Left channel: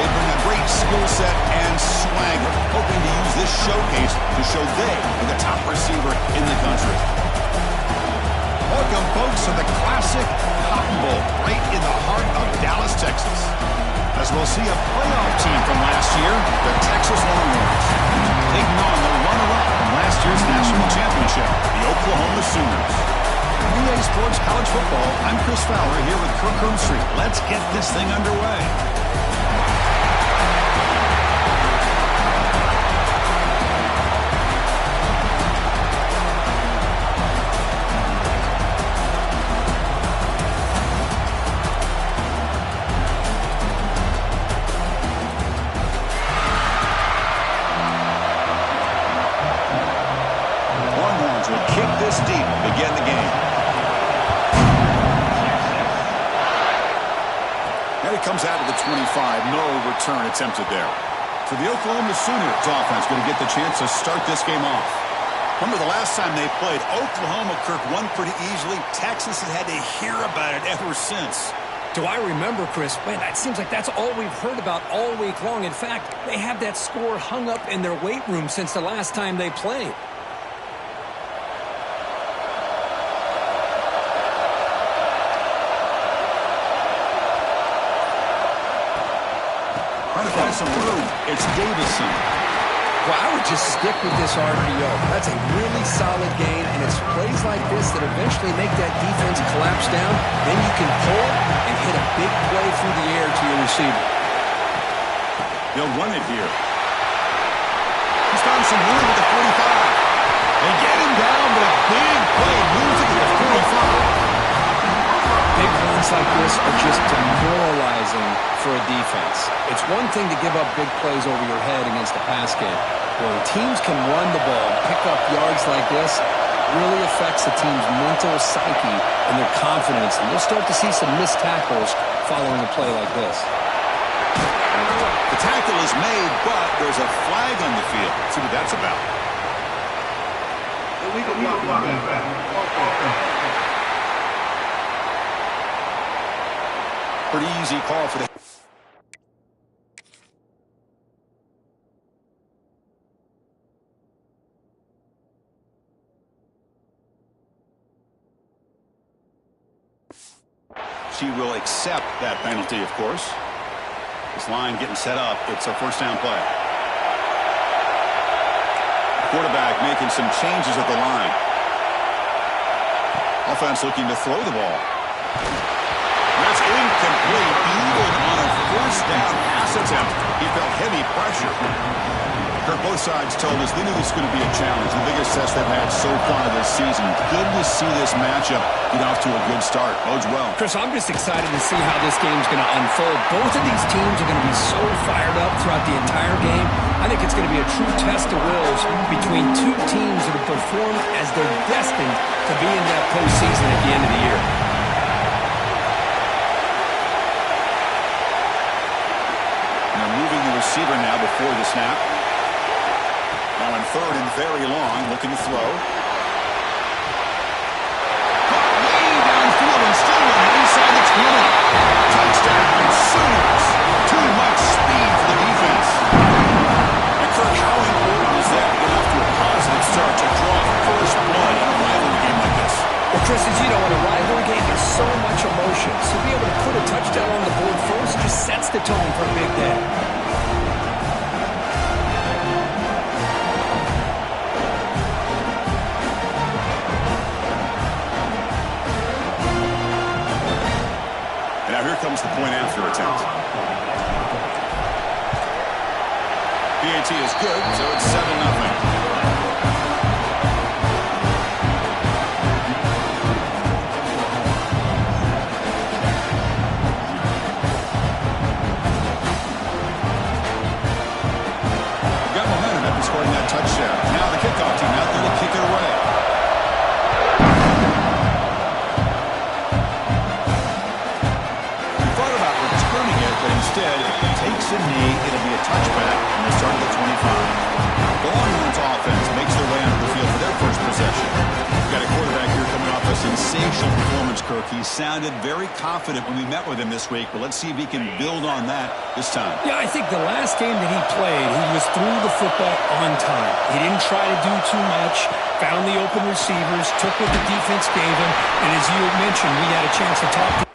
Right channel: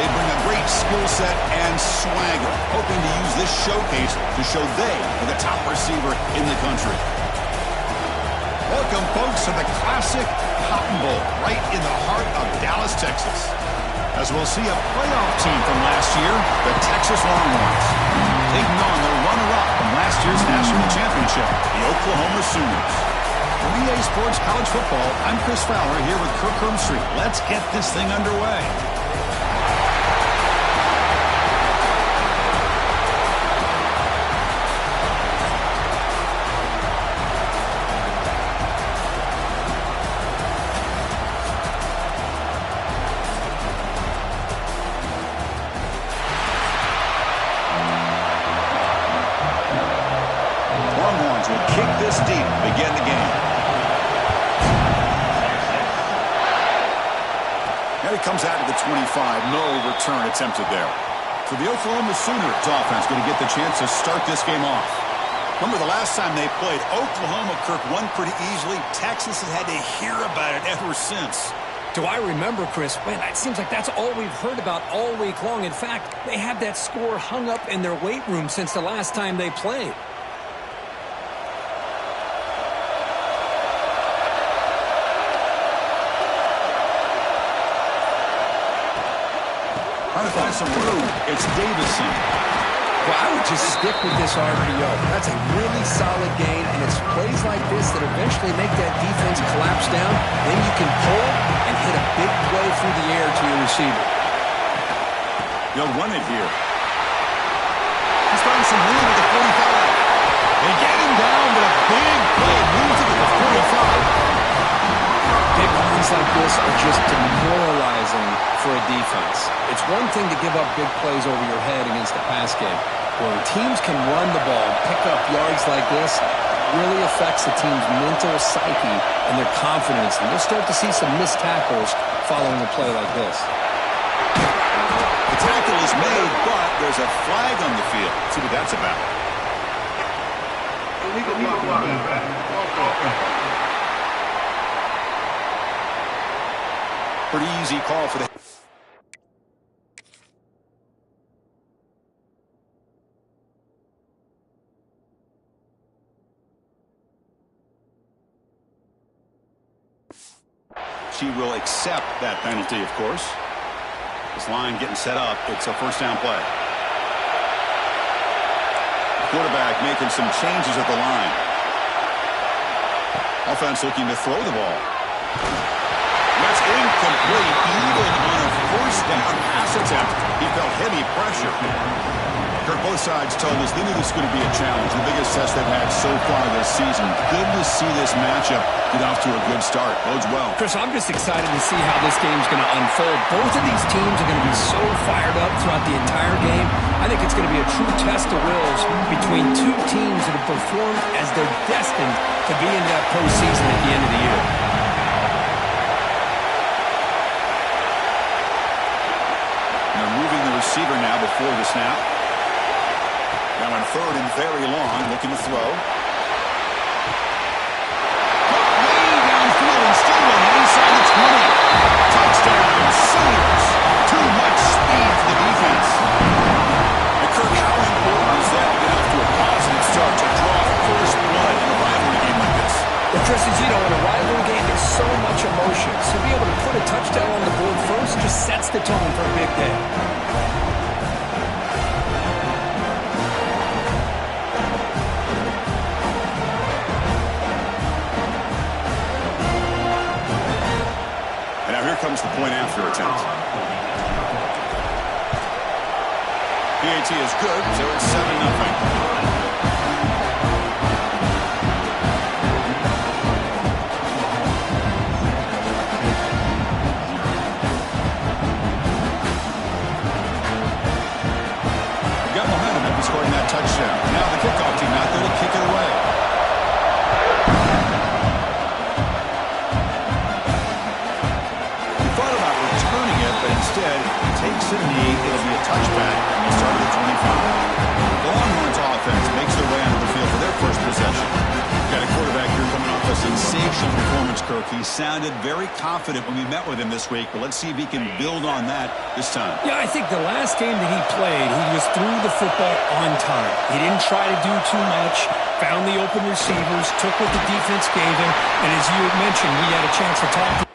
they bring a great skill set and swagger, hoping to use this showcase to show they are the top receiver in the country. Welcome, folks, to the classic Cotton Bowl, right in the heart of Dallas, Texas. As we'll see a playoff team from last year, the Texas Longhorns, taking on the runner-up from last year's national championship, the Oklahoma Sooners. From EA Sports College Football, I'm Chris Fowler here with Kirk Herbstreit. Let's get this thing underway. Longhorns will kick this deep to begin the game. And it comes out of the 25. No return attempted there. So the Oklahoma Sooners offense going to get the chance to start this game off. Remember the last time they played, Oklahoma, Kirk, won pretty easily. Texas has had to hear about it ever since. Do I remember, Chris? Man, it seems like that's all we've heard about all week long. In fact, they have that score hung up in their weight room since the last time they played. Trying to find some room. It's Davison. Well, I would just stick with this RPO. That's a really solid gain, and it's plays like this that eventually make that defense collapse down. Then you can pull and hit a big play through the air to your receiver. They'll run it here. He's found some room at the 45. They get him down, but a big play moves it to the 45. Big runs like this are just demoralizing for a defense. It's one thing to give up big plays over your head against a pass game. When teams can run the ball and pick up yards like this, it really affects the team's mental psyche and their confidence. And you'll start to see some missed tackles following a play like this. The tackle is made, but there's a flag on the field. Let's see what that's about. Illegal blocking. Pretty easy call for the... She will accept that penalty, of course. This line getting set up. It's a first down play. The quarterback making some changes at the line. Offense looking to throw the ball. That's incomplete. Even on a first down pass attempt, he felt heavy pressure. Kirk, both sides told us they knew this was going to be a challenge, the biggest test they've had so far this season. Good to see this matchup get off to a good start. Bodes well. Chris, I'm just excited to see how this game's going to unfold. Both of these teams are going to be so fired up throughout the entire game. I think it's going to be a true test of wills between two teams that have performed as they're destined to be in that postseason at the end of the year. Moving the receiver now before the snap. Now in third and very long, looking to throw. Caught way downfield and still running inside the 20. Touchdown, Sooners. Too much speed for the defense. And Kirk, how important is that to get off to a positive start to draw first blood in a rivalry game like this? Well, Chris, as you know, in a rivalry game, there's so much emotion. So to be able to put a touchdown on the board first just sets the tone for a big day. And now here comes the point after attempt. PAT is good, so it's 7-0. Scoring that touchdown. Now the kickoff team out there to kick it away. We thought about returning it, but Instead, he takes a knee. It'll be a touchback, and they'll start at the 25. The Longhorns offense makes their way onto the field for their first possession. We've got a quarterback here coming off a sensational performance, Kirk. He sounded very confident when we met with him this week, but let's see if he can build on that this time. Yeah, I think the last game that he played, he just threw the football on time. He didn't try to do too much, found the open receivers, took what the defense gave him, and as you had mentioned, we had a chance to talk to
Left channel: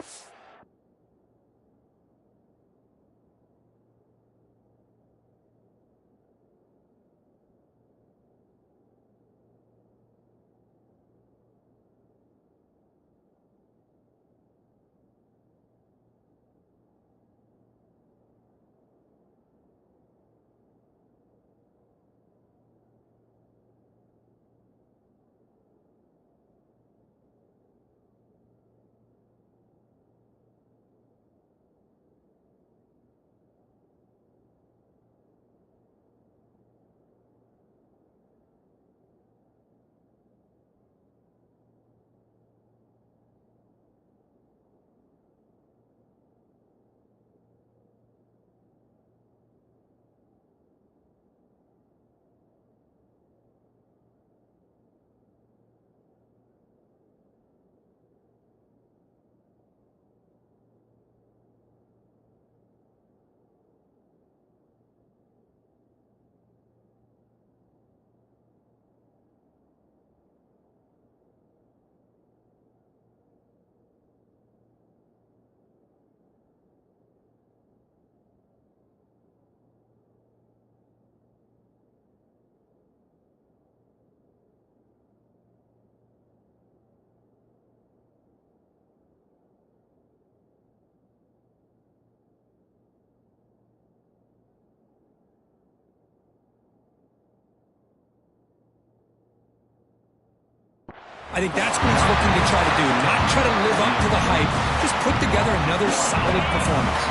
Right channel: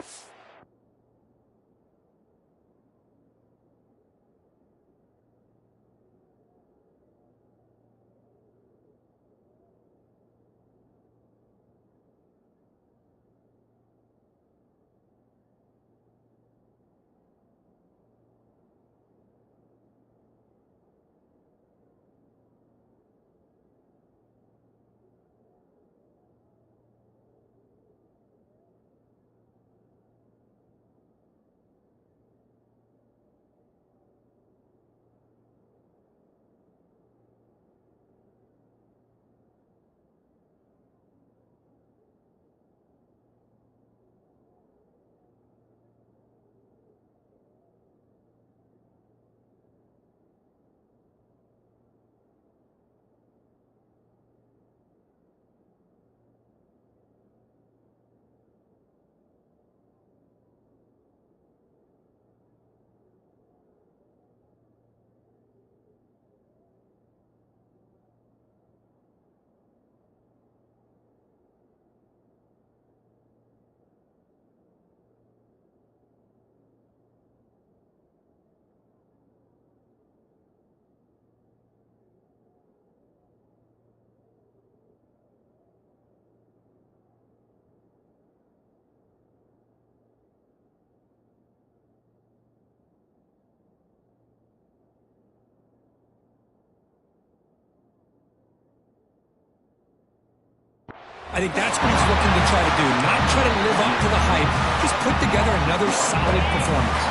I think that's what he's looking to try to do. Not try to live up to the hype. Just put together another solid performance.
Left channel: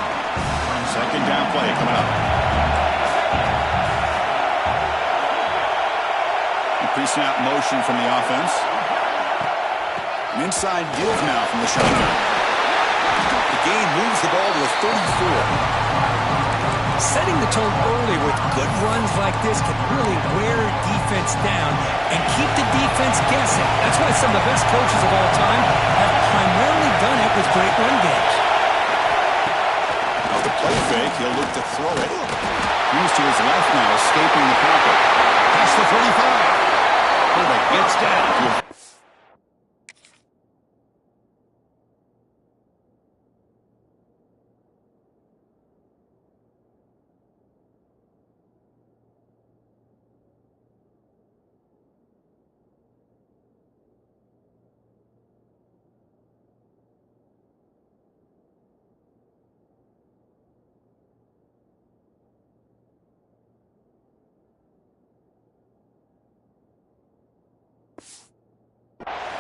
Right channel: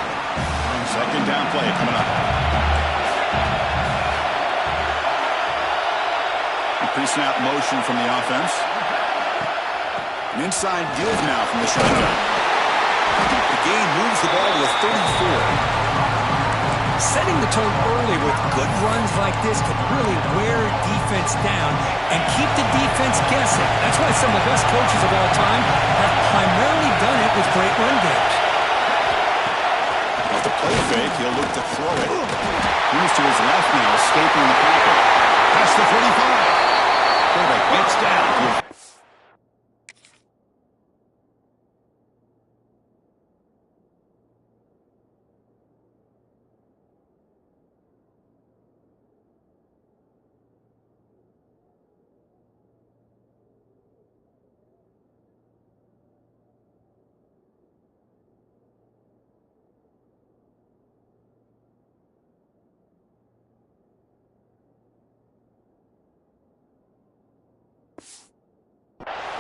Second down play coming up. Pre-snap motion from the offense. An inside give now from the shotgun. The gain moves the ball to the 34. Setting the tone early with good runs like this can really wear defense down and keep the defense guessing. That's why some of the best coaches of all time have primarily done it with great run games. Off the play fake, he'll look to throw it. Moves to his left now, escaping the pocket. Past the 45. Quarterback gets down to a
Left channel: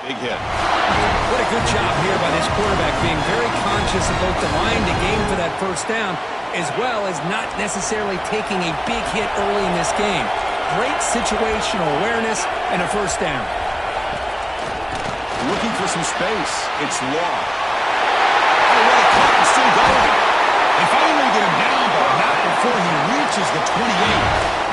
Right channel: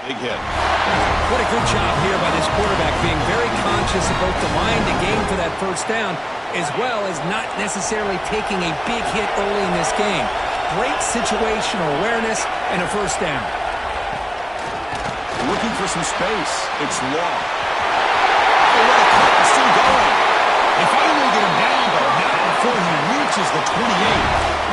big hit. What a good job here by this quarterback, being very conscious of both the line to gain for that first down, as well as not necessarily taking a big hit early in this game. Great situational awareness and a first down. Looking for some space. It's Law. Oh, what a cut. It's still going. They finally get him down, but not before he reaches the 28.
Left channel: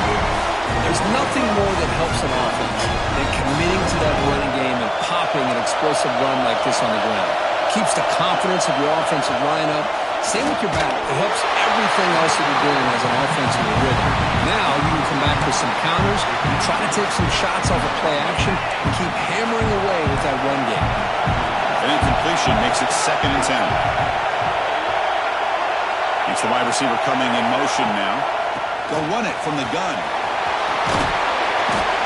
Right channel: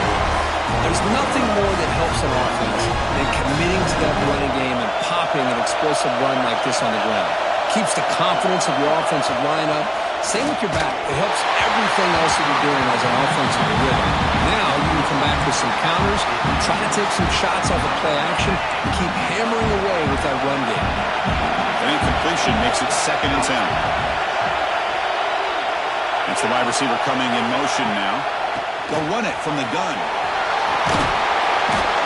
There's nothing more that helps an offense than committing to that running game and popping an explosive run like this on the ground. Keeps the confidence of your offensive lineup. Same with your back. It helps everything else that you're doing as an offensive rhythm. Now you can come back with some counters, try to take some shots off of play action, and keep hammering away with that run game. An incompletion makes it 2nd and 10. It's the wide receiver coming in motion now. They'll run it from the gun.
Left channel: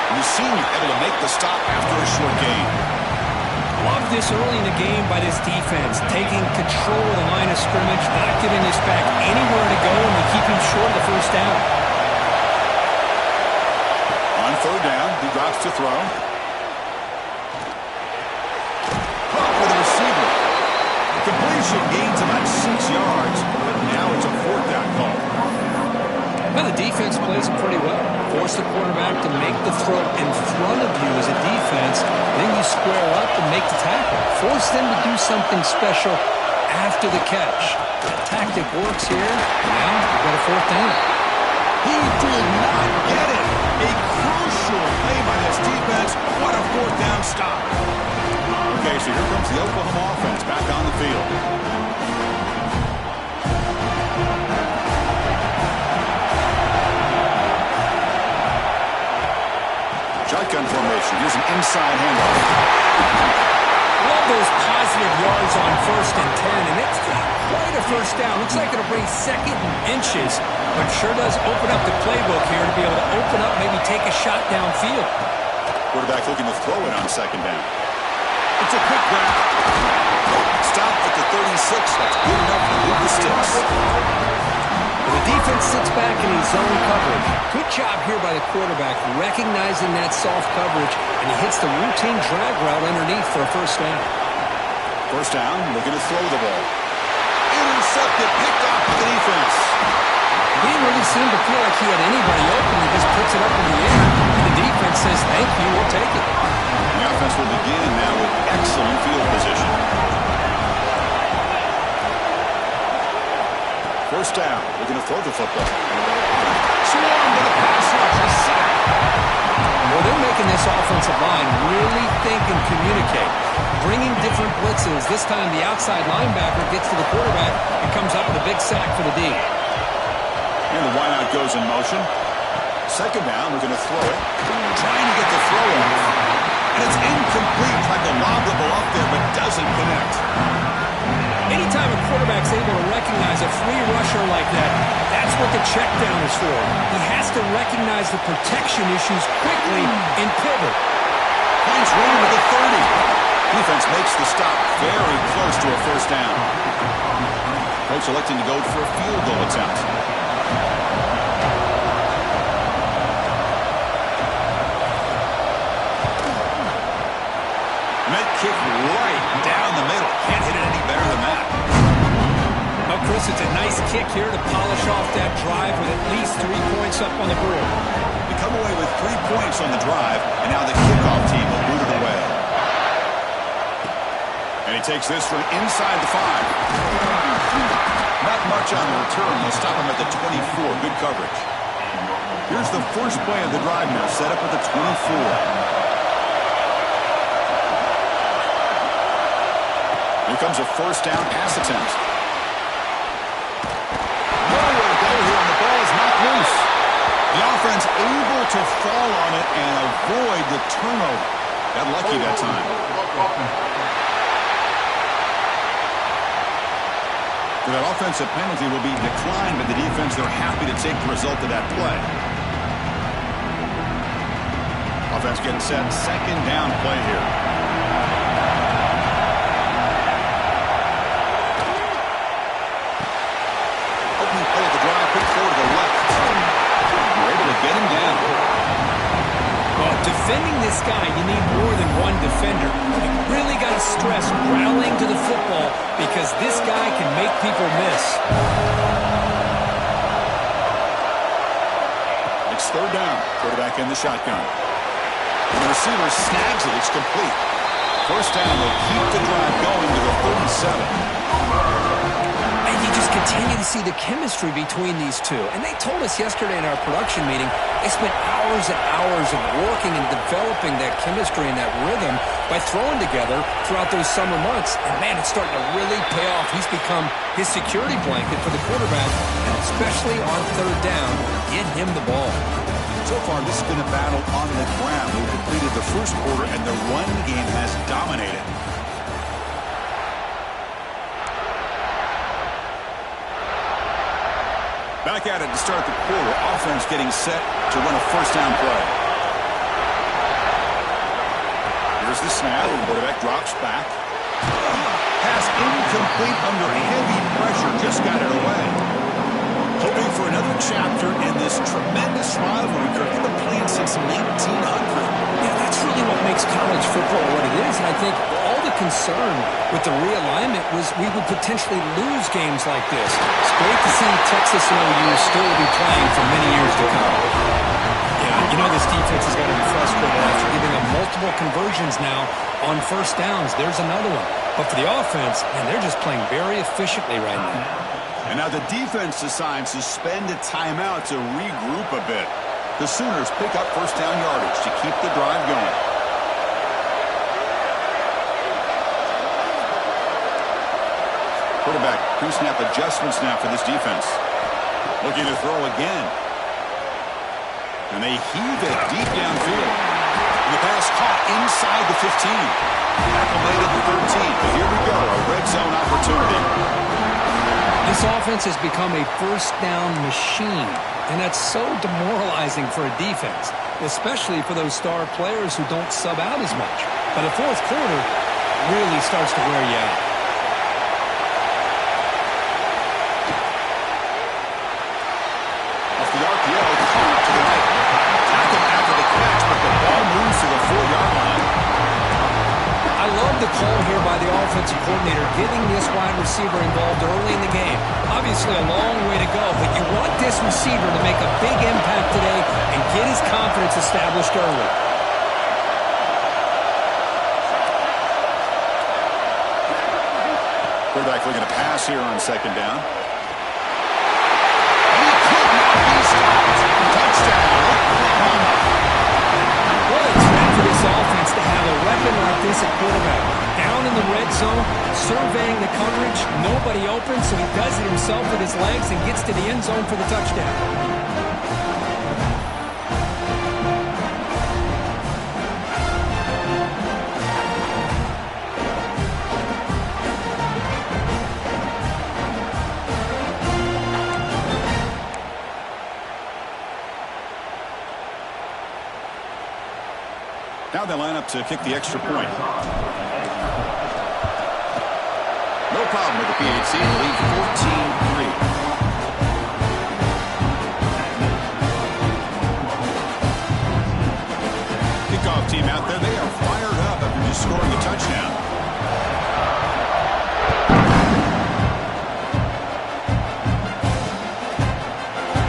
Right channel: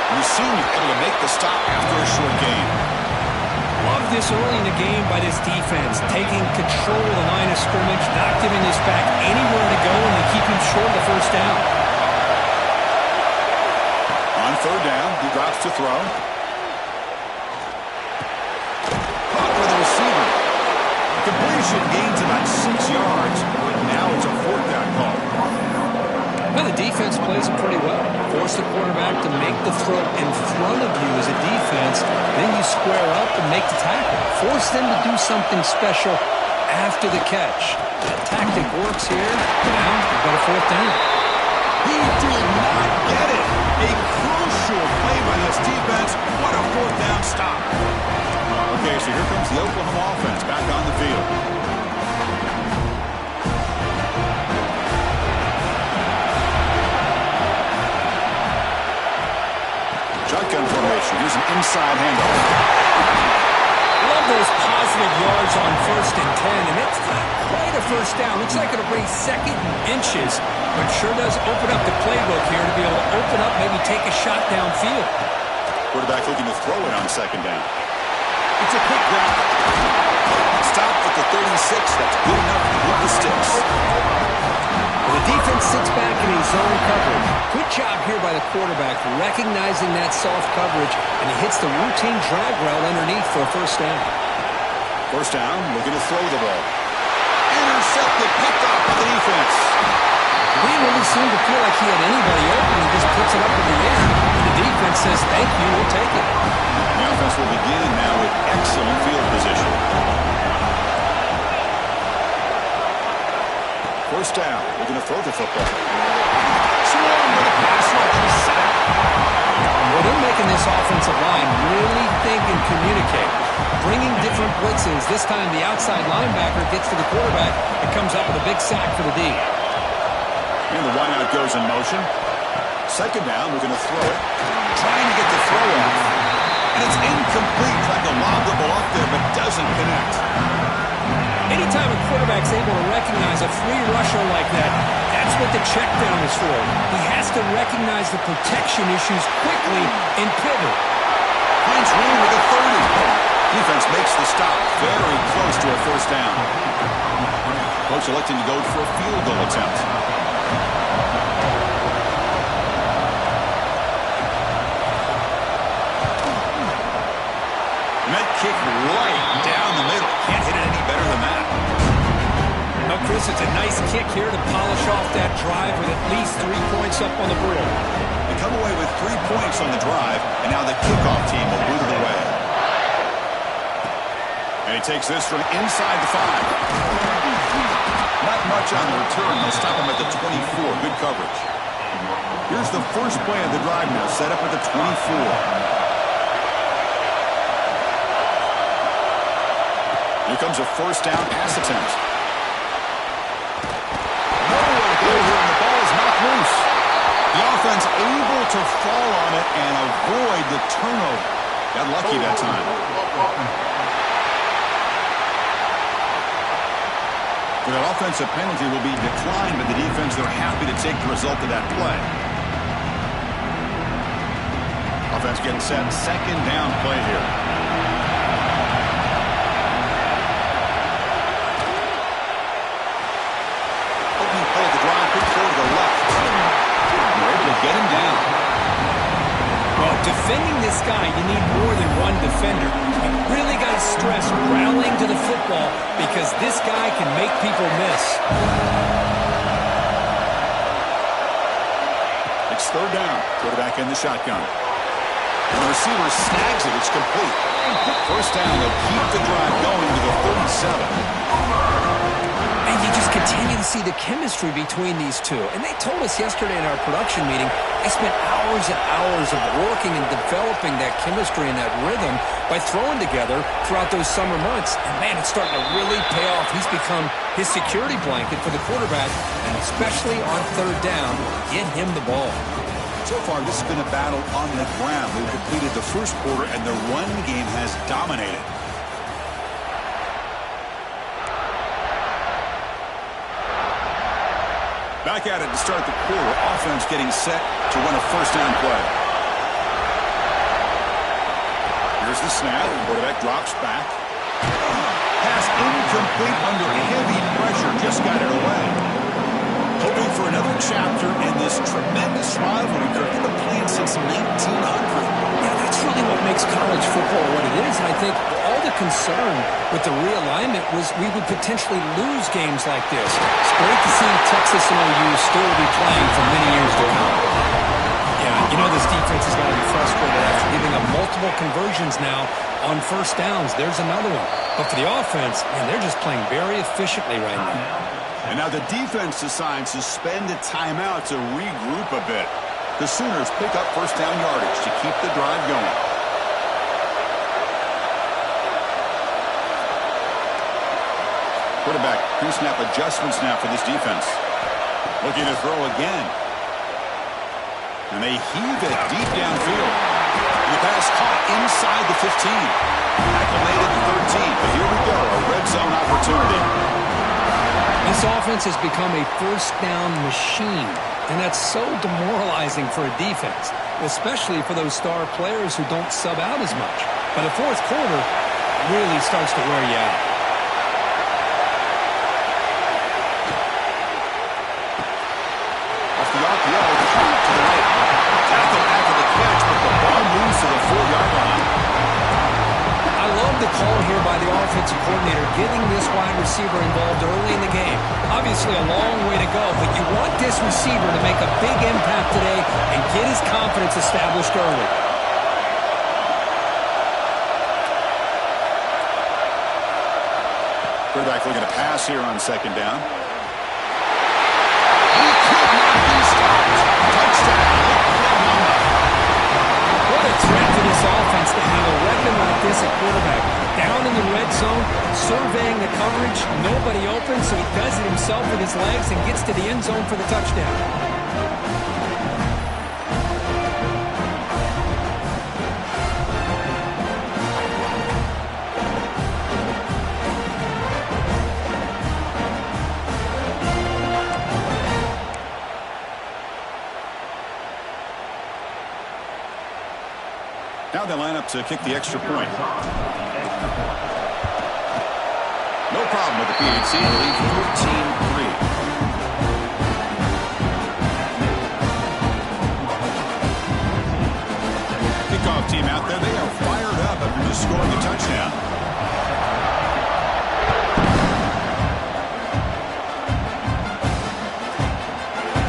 And the senior able to make the stop after a short gain. Love this early in the game by this defense, taking control of the line of scrimmage, not giving this back anywhere to go, and they keep him short of the first down. On 3rd down, he drops to throw. Caught by the receiver. Completion gains about 6 yards, but now it's a 4th down call. Well, the defense plays it pretty well. Force the quarterback to make the throw in front of you as a defense. Then you square up and make the tackle. Force them to do something special after the catch. That tactic works here. Now we've got a fourth down. He did not get it. A crucial play by this defense. What a fourth down stop. Okay, so here comes the Oklahoma offense back on the field. Shotgun formation. Here's an inside handoff. Love those positive yards on 1st and 10, and it's not quite a first down. Looks like it'll bring 2nd and inches, but sure does open up the playbook here to be able to open up, maybe take a shot downfield. Quarterback looking to throw it on 2nd down. It's a quick grab. Stopped at the 36. That's good enough to move the sticks. Well, the defense sits back in his zone coverage. Good job here by the quarterback, recognizing that soft coverage, and he hits the routine drag route underneath for a first down. First down, looking to throw the ball. Intercepted, picked off by the defense. He didn't really seem to feel like he had anybody open. He just puts it up in the air, and the defense says, thank you, we'll take it. The offense will begin now with excellent field position. First down, looking to throw the football. Swarmed with a pass rush, a sack. Well, they're making this offensive line really think and communicate. Bringing different blitzes. This time the outside linebacker gets to the quarterback and comes up with a big sack for the D. And the wideout goes in motion. Second down, looking to throw it. Trying to get the throw off. And it's incomplete. Tried to lob the ball up there, but doesn't connect. Anytime a quarterback's able to recognize a free rusher like that, that's what the check down is for. He has to recognize the protection issues quickly and pivot. Finds room with the 30. Defense makes the stop very close to a first down. Coach electing to go for a field goal attempt. And that kick right down the middle. Can't hit it any better than that. Well, Chris, it's a nice kick here to polish off that drive with at least 3 points up on the board. They come away with 3 points on the drive, and now the kickoff team will boot it away. And he takes this from inside the 5. Not much on the return. They'll stop him at the 24. Good coverage. Here's the first play of the drive now, set up at the 24. Here comes a first down pass attempt. Nowhere to go here, and the ball is knocked loose. The offense able to fall on it and avoid the turnover. Got lucky that time. For that offensive penalty will be declined by the defense. They're happy to take the result of that play. Offense getting set. Second down play here. Opening play at the drive. Quick throw to the left. They're able to get him down. Well, defending this guy, you need more than one defender. You really got to stress rallying to the football because this guy can make people miss. It's third down. Quarterback in the shotgun. And the receiver snags it. It's complete. First down. They'll keep the drive going to the 37. And you just continue to see the chemistry between these two. And they told us yesterday in our production meeting, they spent hours and hours of working and developing that chemistry and that rhythm by throwing together throughout those summer months. And, man, it's starting to really pay off. He's become his security blanket for the quarterback, and especially on third down, get him the ball. So far, this has been a battle on the ground. They've completed the first quarter, and the run game has dominated. Back at it to start the quarter. Offense getting set to run a first down play. Here's the snap. Quarterback drops back. Pass incomplete under heavy pressure. Just got it away. Hoping for another chapter in this tremendous rivalry. They've been playing since 1900. Yeah, that's really what makes college football what it is. And I think all the concern with the realignment was we would potentially lose games like this. It's great to see Texas and OU still be playing for many years to come. Yeah, You know this defense has got to be frustrated after giving up multiple conversions now on first downs. There's another one. But for the offense, man, they're just playing very efficiently right now. And now the defense decides to spend a timeout to regroup a bit. The Sooners pick up first down yardage to keep the drive going. Quarterback pre-snap adjustments now for this defense. Looking to throw again. And they heave it deep downfield. And the pass caught inside the 15. Tackle made at the 13. But here we go, a red zone opportunity. This offense has become a first down machine. And that's so demoralizing for a defense, especially for those star players who don't sub out as much. But the fourth quarter really starts to wear you out. Off the RPO, caught to the right. Tackle after the catch, but the ball moves to the 4-yard line. I love the call here by the offensive coordinator, getting this wide receiver involved early in the game. Obviously a long way to go, but you want this receiver to make a big impact today and get his confidence established early. Quarterback looking to pass here on second down. He could not be stopped. Touchdown, Oklahoma. What a threat for this offense to have a weapon like this at quarterback. Down in the red zone, surveying the coverage, nobody open, so he does it himself with his legs and gets to the end zone for the touchdown. Now they line up to kick the extra point. No problem with the PHC. They lead 14-3. Kickoff team out there. They are fired up after just scoring a touchdown.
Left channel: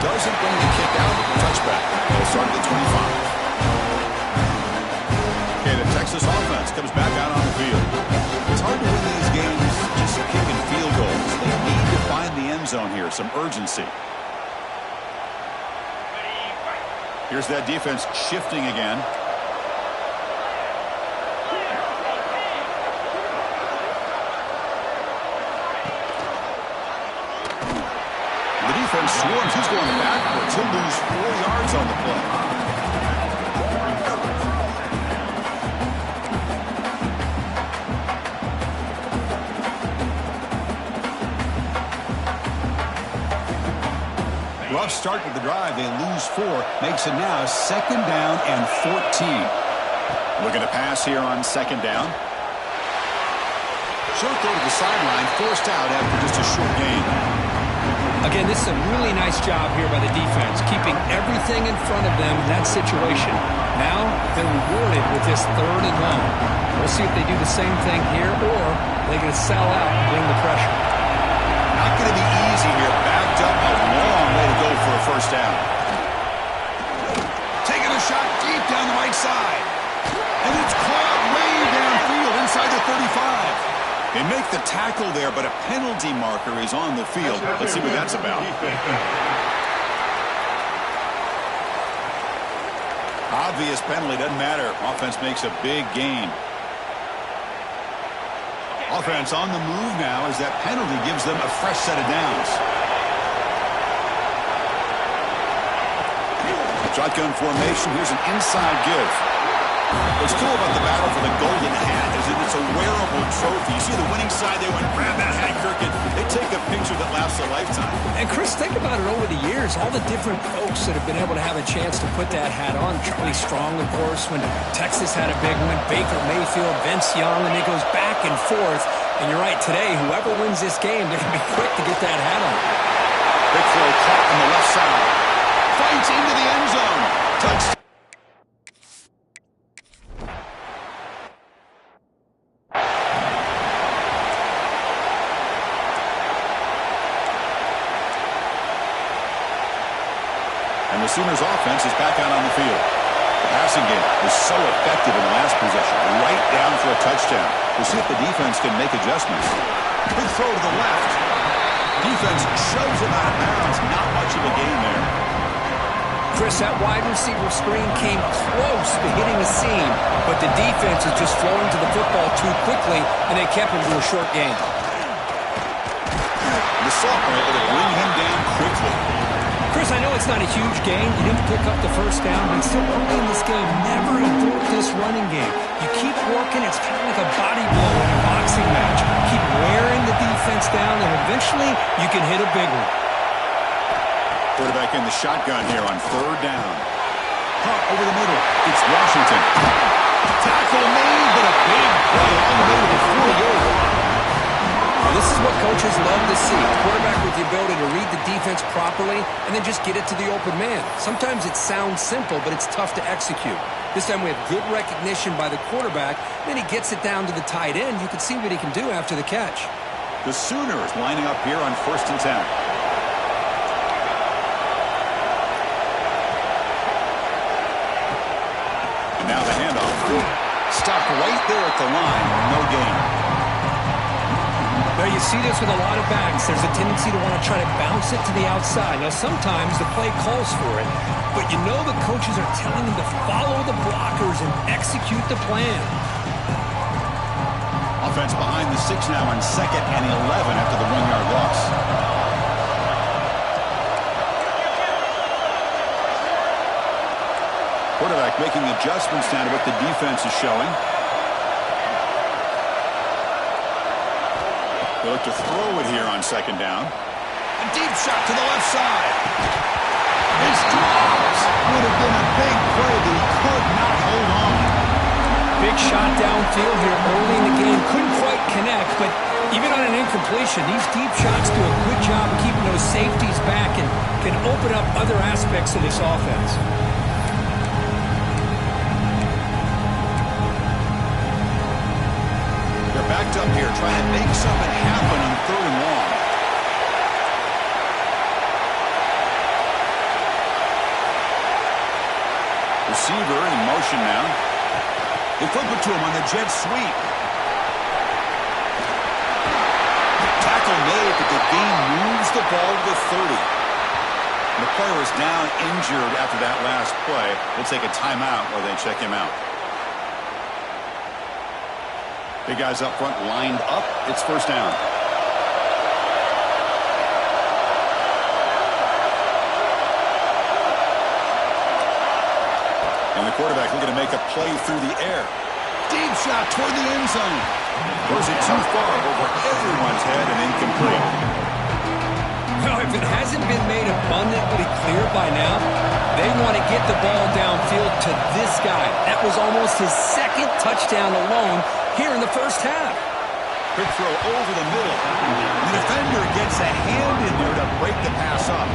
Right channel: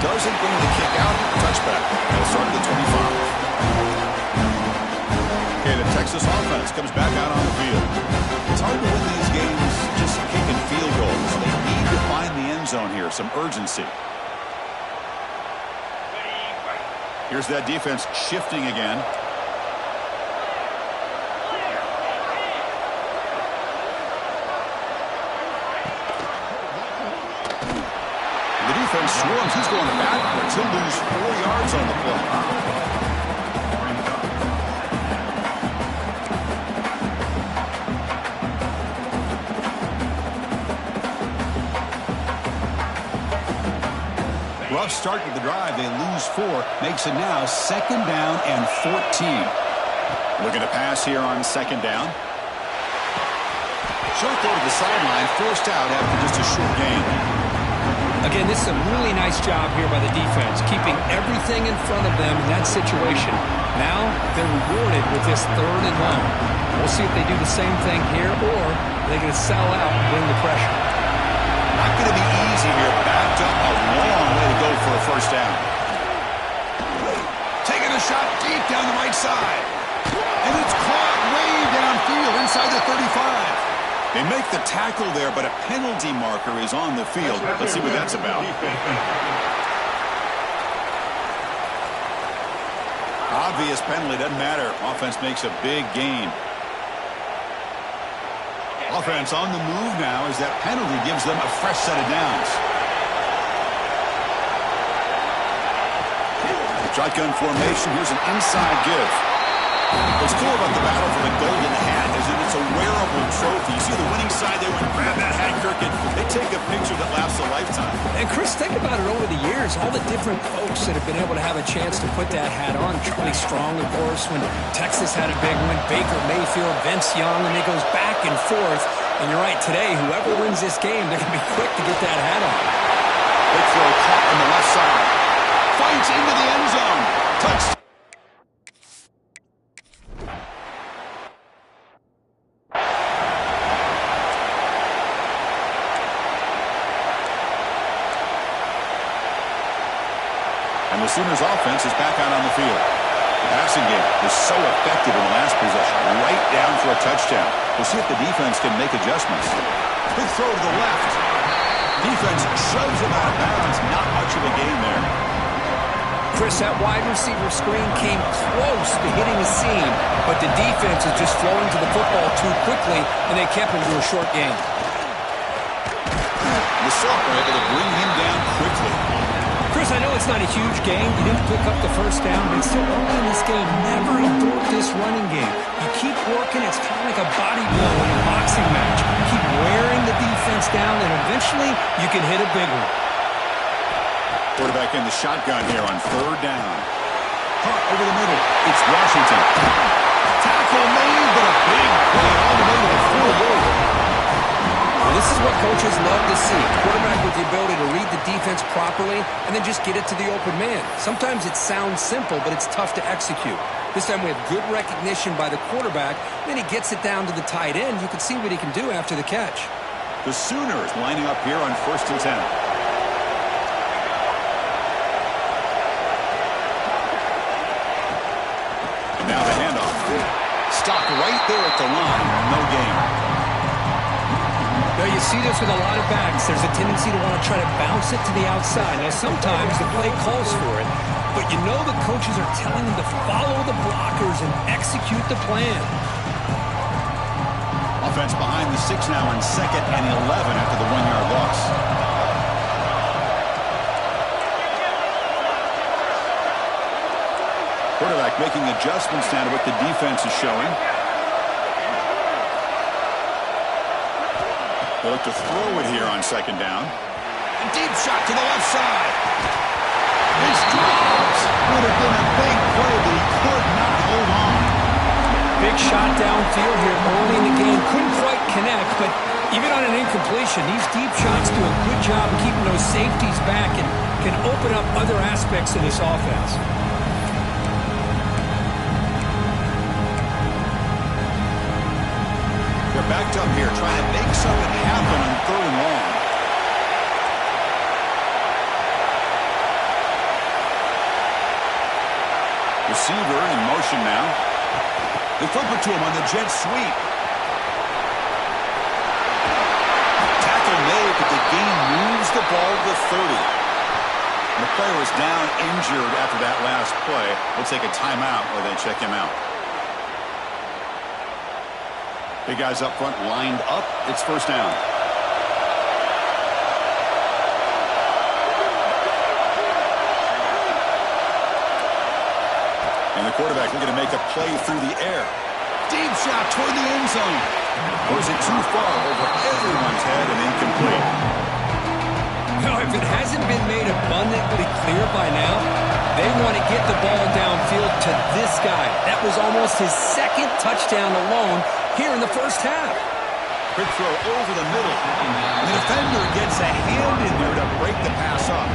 Doesn't bring the kick out. Touchback. They'll start at the 25. Okay, the Texas offense comes back out on the field. It's hard to win these games just kicking field goals. They need to find the end zone here, some urgency. Here's that defense shifting again. The defense swarms. He's going backwards. He'll lose 4 yards on the play. Rough start to the drive. They lose 4. Makes it now second down and 14. Looking to pass here on second down. Short throw to the sideline. Forced out after just a short gain. Again, this is a really nice job here by the defense, keeping everything in front of them in that situation. Now they're rewarded with this third and long. We'll see if they do the same thing here, or they're going to sell out and bring the pressure. Not going to be easy here. Backed up a long way to go for a first down. Taking a shot deep down the right side. And it's caught way downfield inside the 35. They make the tackle there, but a penalty marker is on the field. Let's see what that's about. Obvious penalty, doesn't matter. Offense makes a big gain. Offense on the move now as that penalty gives them a fresh set of downs. Shotgun formation. Here's an inside give. What's cool about the battle for the golden hat is that it's a wearable trophy. You see the winning side, they went, grab that hat, Kirkin. They take a picture that lasts a lifetime. And Chris, think about it over the years, all the different folks that have been able to have a chance to put that hat on. Charlie Strong, of course, when Texas had a big one. Baker Mayfield, Vince Young, and it goes back and forth. And you're right, today, whoever wins this game, they're going to be quick to get that hat on. Big throw caught on the left side. Fights into the end zone. Touchdown. And the Sooners offense is back out on the field. The passing game was so effective in the last possession, right down for a touchdown. We'll see if the defense can make adjustments. Quick throw to the left. Defense shoves him out of bounds. Not much of a gain there. Chris, that wide receiver screen came close to hitting the seam, but the defense is just throwing to the football too quickly, and they kept him to a short gain. The Sophomore able to bring him down quickly. Chris, I know it's not a huge gain. You didn't pick up the first down, but it's still early in this game. Never abort this running game. You keep working. It's kind of like a body blow in a boxing match. Keep wearing the defense down, and eventually you can hit a big one. Quarterback in the shotgun here on third down. Hunt over the middle. It's Washington. Tackle made, but a big play all the way to the 48. Well, this is what coaches love to see. A quarterback with the ability to read the defense properly and then just get it to the open man. Sometimes it sounds simple, but it's tough to execute. This time we have good recognition by the quarterback. Then he gets it down to the tight end. You can see what he can do after the catch. The Sooners lining up here on 1st and 10. And now the handoff. Stopped right there at the line. No gain. Now, you see this with a lot of backs. There's a tendency to want to try to bounce it to the outside. Now, sometimes the play calls for it, but you know the coaches are telling them to follow the blockers and execute the plan. Offense behind the 6 now on 2nd and 11 after the 1-yard loss. Quarterback making adjustments now to what the defense is showing. They look to throw it here on 2nd down. A deep shot to the left side. It's dropped. Would have been a big play, but he could not hold on. Big shot downfield here early in the game. Couldn't quite connect, but even on an incompletion, these deep shots do a good job of keeping those safeties back and can open up other aspects of this offense. They're backed up here trying to make something happen on 3rd and long. Receiver in motion now. They flip it to him on the jet sweep. Tackle made, but the gain moves the ball to the 30. And the player is down injured after that last play. We'll take a timeout while they check him out. Big guys up front lined up. It's 1st down. And the quarterback looking to make a play through the air. Deep shot toward the end zone. Throws it too far over everyone's head and incomplete. Now, if it hasn't been made abundantly clear by now, they want to get the ball downfield to this guy. That was almost his 2nd touchdown alone here in the first half. Quick throw over the middle. The defender gets a hand in there to break the pass up.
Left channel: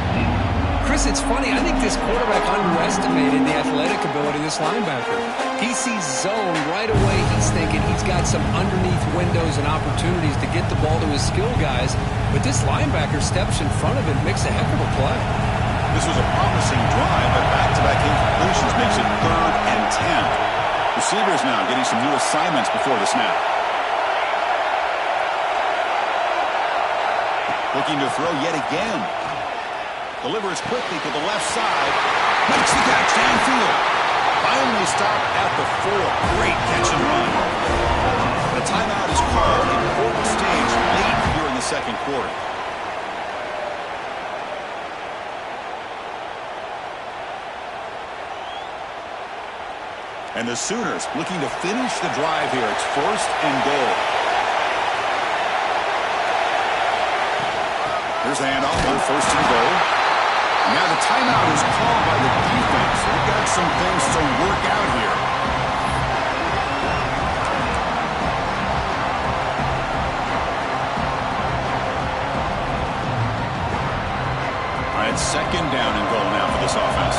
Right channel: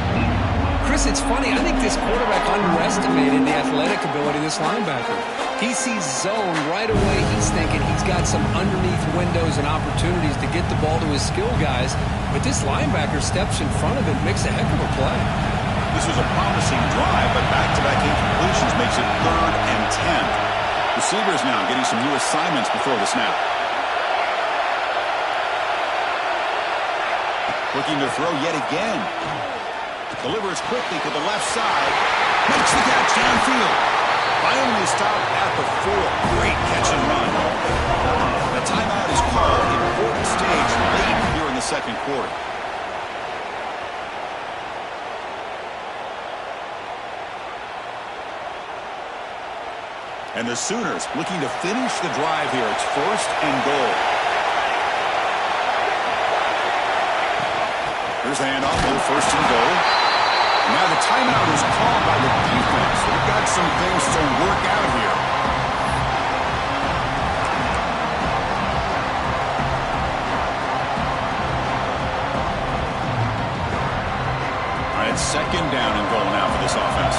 Chris, it's funny. I think this quarterback underestimated the athletic ability of this linebacker. He sees zone right away. He's thinking he's got some underneath windows and opportunities to get the ball to his skill guys. But this linebacker steps in front of it, makes a heck of a play. This was a promising drive, but back-to-back incompletions makes it 3rd and 10. Receivers now getting some new assignments before the snap. Looking to throw yet again. Delivers quickly to the left side. Makes the catch downfield. Finally stopped at the 4. Great catch and run. The timeout is called. Important stage late here in the 2nd quarter. And the Sooners looking to finish the drive here. It's 1st and goal. Here's the handoff on 1st and goal. And now the timeout is called by the defense. They've got some things to work out here. All right, 2nd down and goal now for this offense.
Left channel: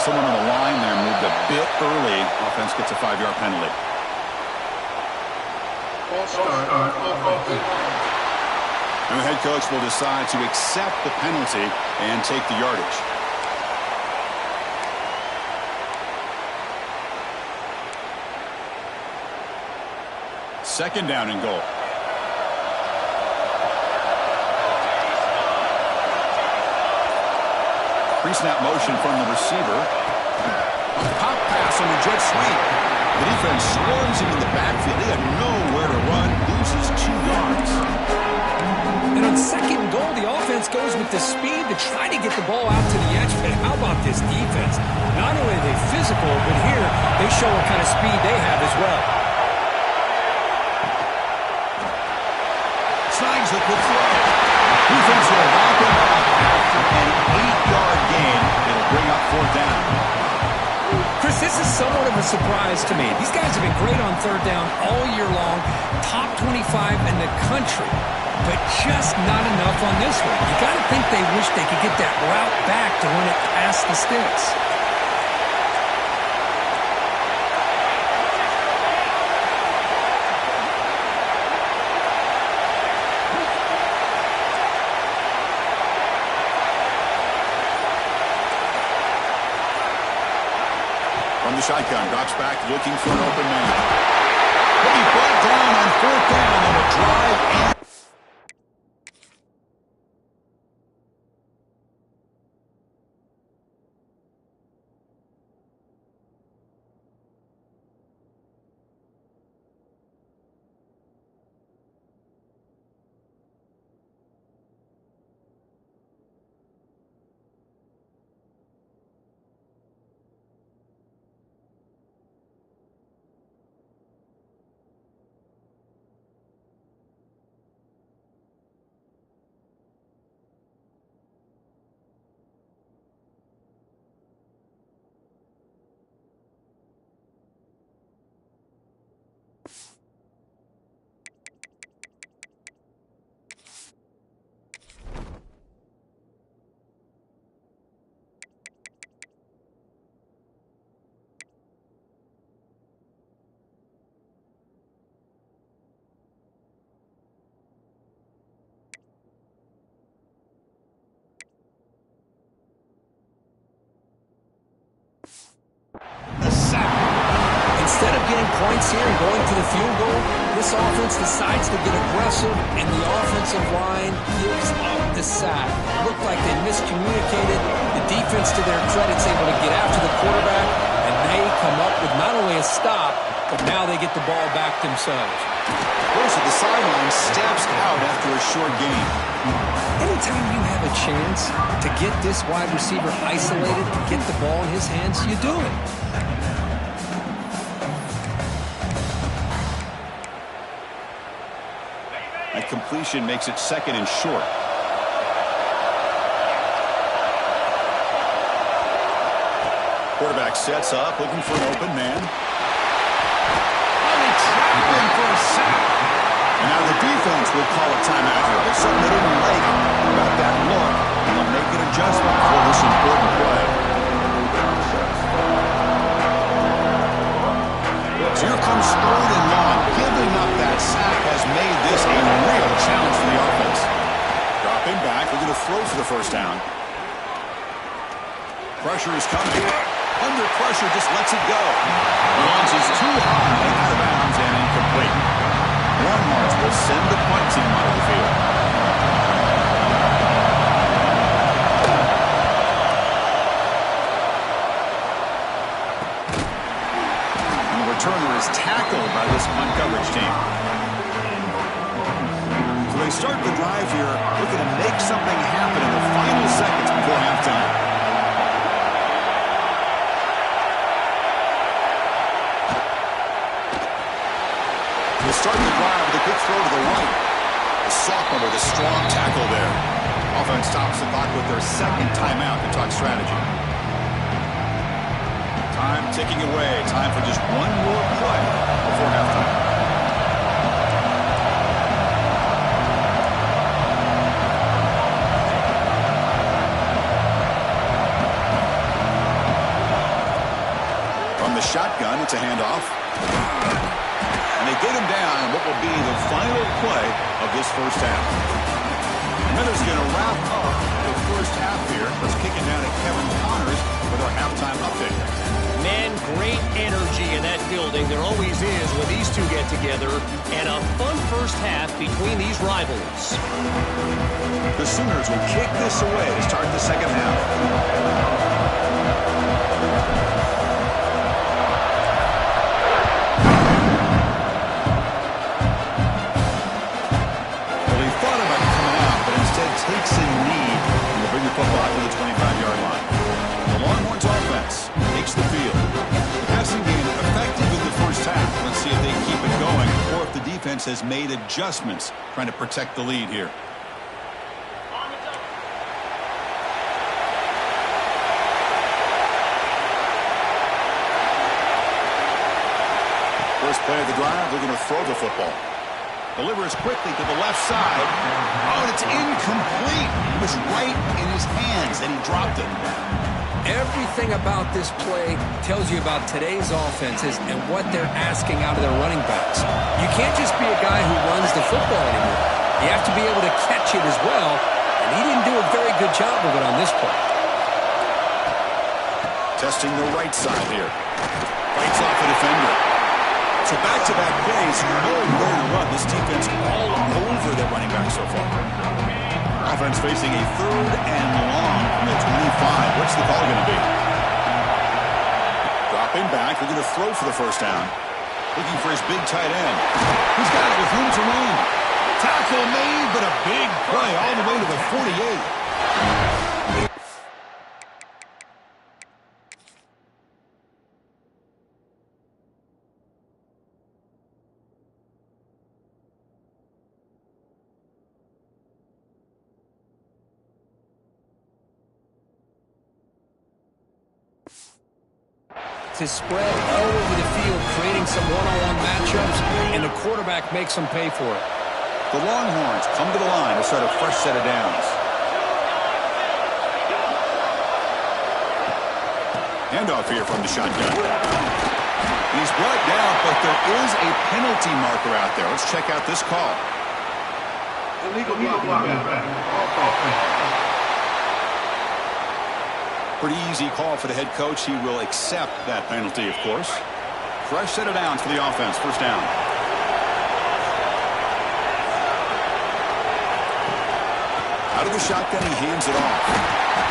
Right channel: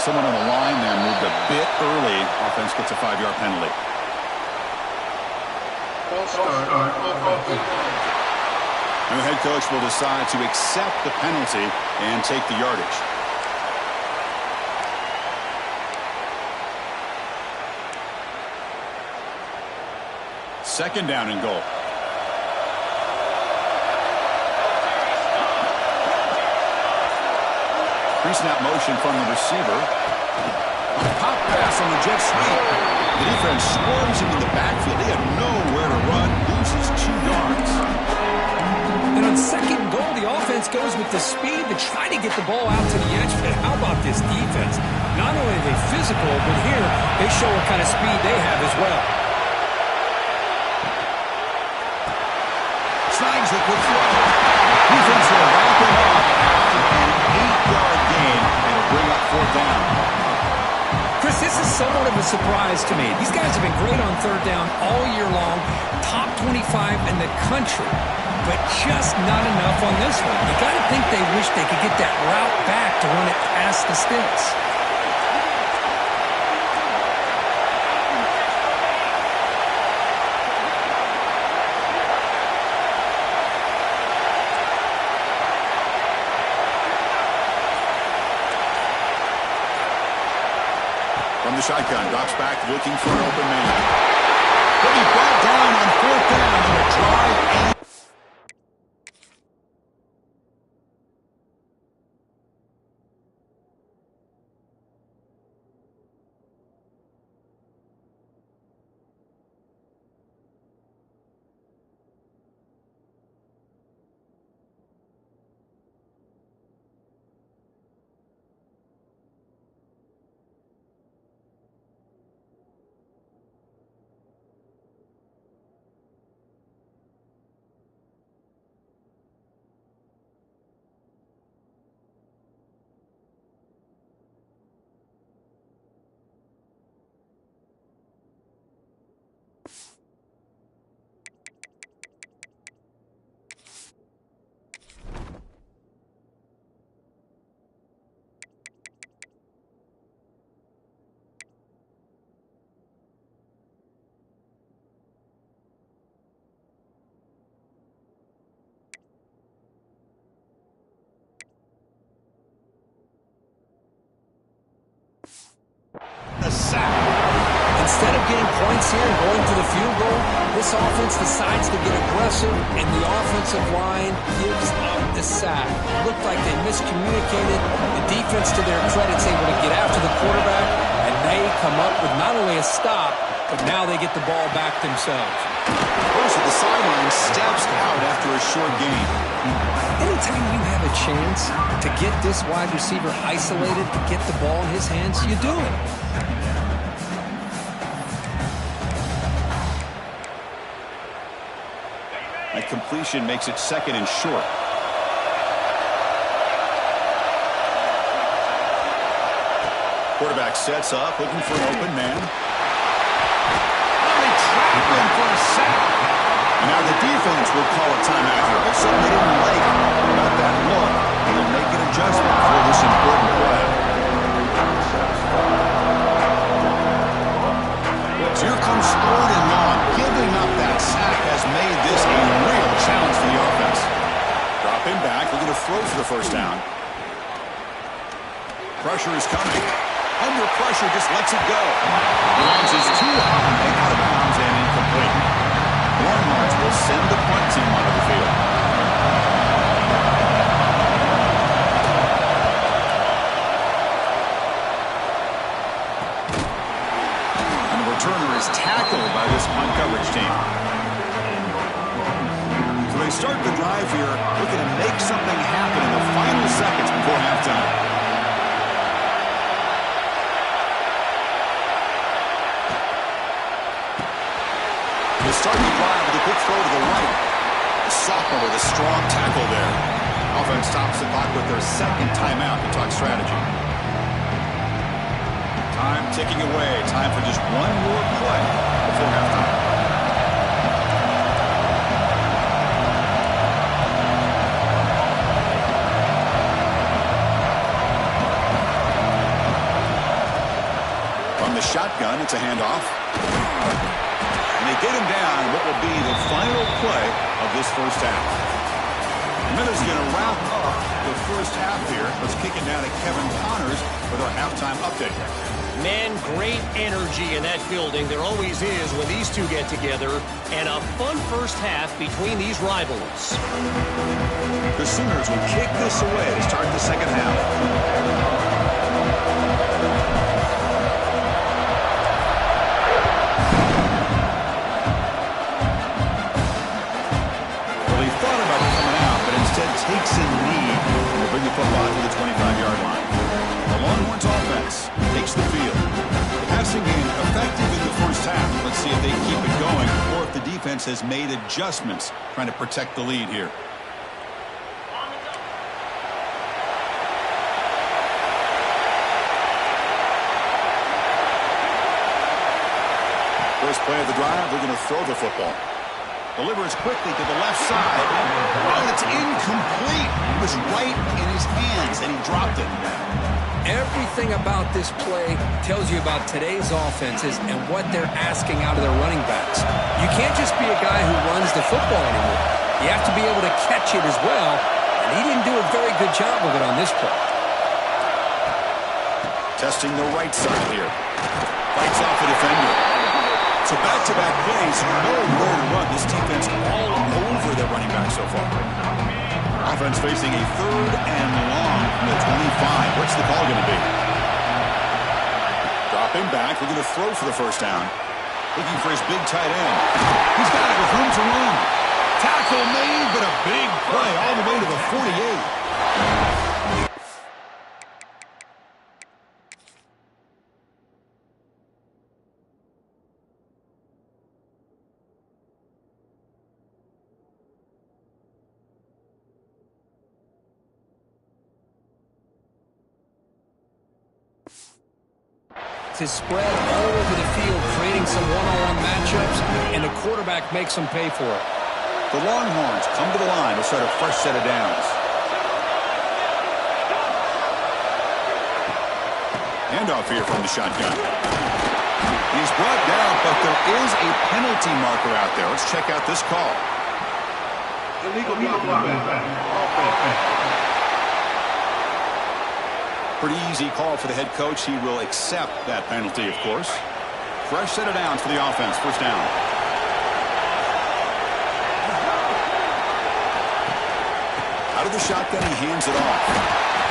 Someone on the line there moved a bit early. Offense gets a 5-yard penalty. And the head coach will decide to accept the penalty and take the yardage. Second down and goal. Pre-snap motion from the receiver. A pop pass on the jet sweep. The defense swarms him in the backfield. He had nowhere to run. Loses 2 yards. And on second goal, the offense goes with the speed to try to get the ball out to the edge. But how about this defense? Not only are they physical, but here they show what kind of speed they have as well. Snags the quick throw. Defense will wrap him up after an 8-yard gain. It'll bring up 4th down. Chris, this is somewhat of a surprise to me. These guys have been great on third down all year long, top 25 in the country, but just not enough on this one. You got to think they wish they could get that route back to run it past the sticks. From the shotgun, drops back looking for an open man. He'll be brought down on 4th down on a drive and a sack. Instead of getting points here and going for the field goal, this offense decides to get aggressive, and the offensive line gives up the sack. It looked like they miscommunicated. The defense, to their credit, is able to get after the quarterback, and they come up with not only a stop, but now they get the ball back themselves. First at the sideline, steps out after a short gain. Anytime you have a chance to get this wide receiver isolated, to get the ball in his hands, you do it. That completion makes it 2nd and short. Quarterback sets up, looking for an open man. Oh, they trap him for a sack. And now the defense will call a timeout here. Looks like they didn't like about that look. And they'll make an adjustment for this important play. So here comes 3rd and long. Giving up that sack has made this a real challenge for the offense. Dropping back, looking to throw for the 1st down. Pressure is coming. Under pressure, just lets it go. Launches too high, out of bounds, and incomplete. Warren Martz will send the punt team onto the field. And the returner is tackled by this punt coverage team. So they start the drive here, looking to make something happen in the final seconds before halftime. They start the drive with a quick throw to the right. The sophomore with a strong tackle there. Offense stops the clock with their 2nd timeout to talk strategy. Time ticking away. Time for just one more play before halftime. the shotgun. It's a handoff. And they get him down in what will be the final play of this first half. And then is going to wrap up the first half here. Let's kick it down to Kevin Connors with our halftime update. Man, great energy in that building. There always is when these two get together. And a fun first half between these rivals. The Sooners will kick this away to start the second half. Thought about coming out, but instead takes a knee and will bring the football to the 25-yard line. The Longhorns offense takes the field. The passing game effective in the first half. Let's see if they keep it going or if the defense has made adjustments trying to protect the lead here. First play of the drive, they're going to throw the football. Delivers quickly to the left side. Oh, and it's incomplete. It was right in his hands, and he dropped it. Everything about this play tells you about today's offenses and what they're asking out of their running backs. You can't just be a guy who runs the football anymore. You have to be able to catch it as well, and he didn't do a very good job of it on this play. Testing the right side here. Fights off a defender. So back-to-back plays, you know where to run. This defense all over their running back so far. Offense facing a 3rd and long from the 25. What's the call going to be? Dropping back. They're going to throw for the first down. Looking for his big tight end. He's got it with room to run. Tackle made, but a big play all the way to the 48. To spread all over the field, creating some one-on-one matchups, and the quarterback makes them pay for it. The Longhorns come to the line to start a fresh set of downs. Handoff here from the shotgun. And he's brought down, but there is a penalty marker out there. Let's check out this call. Illegal block. Pretty easy call for the head coach. He will accept that penalty, of course. Fresh set of downs for the offense. First down. Out of the shotgun, he hands it off.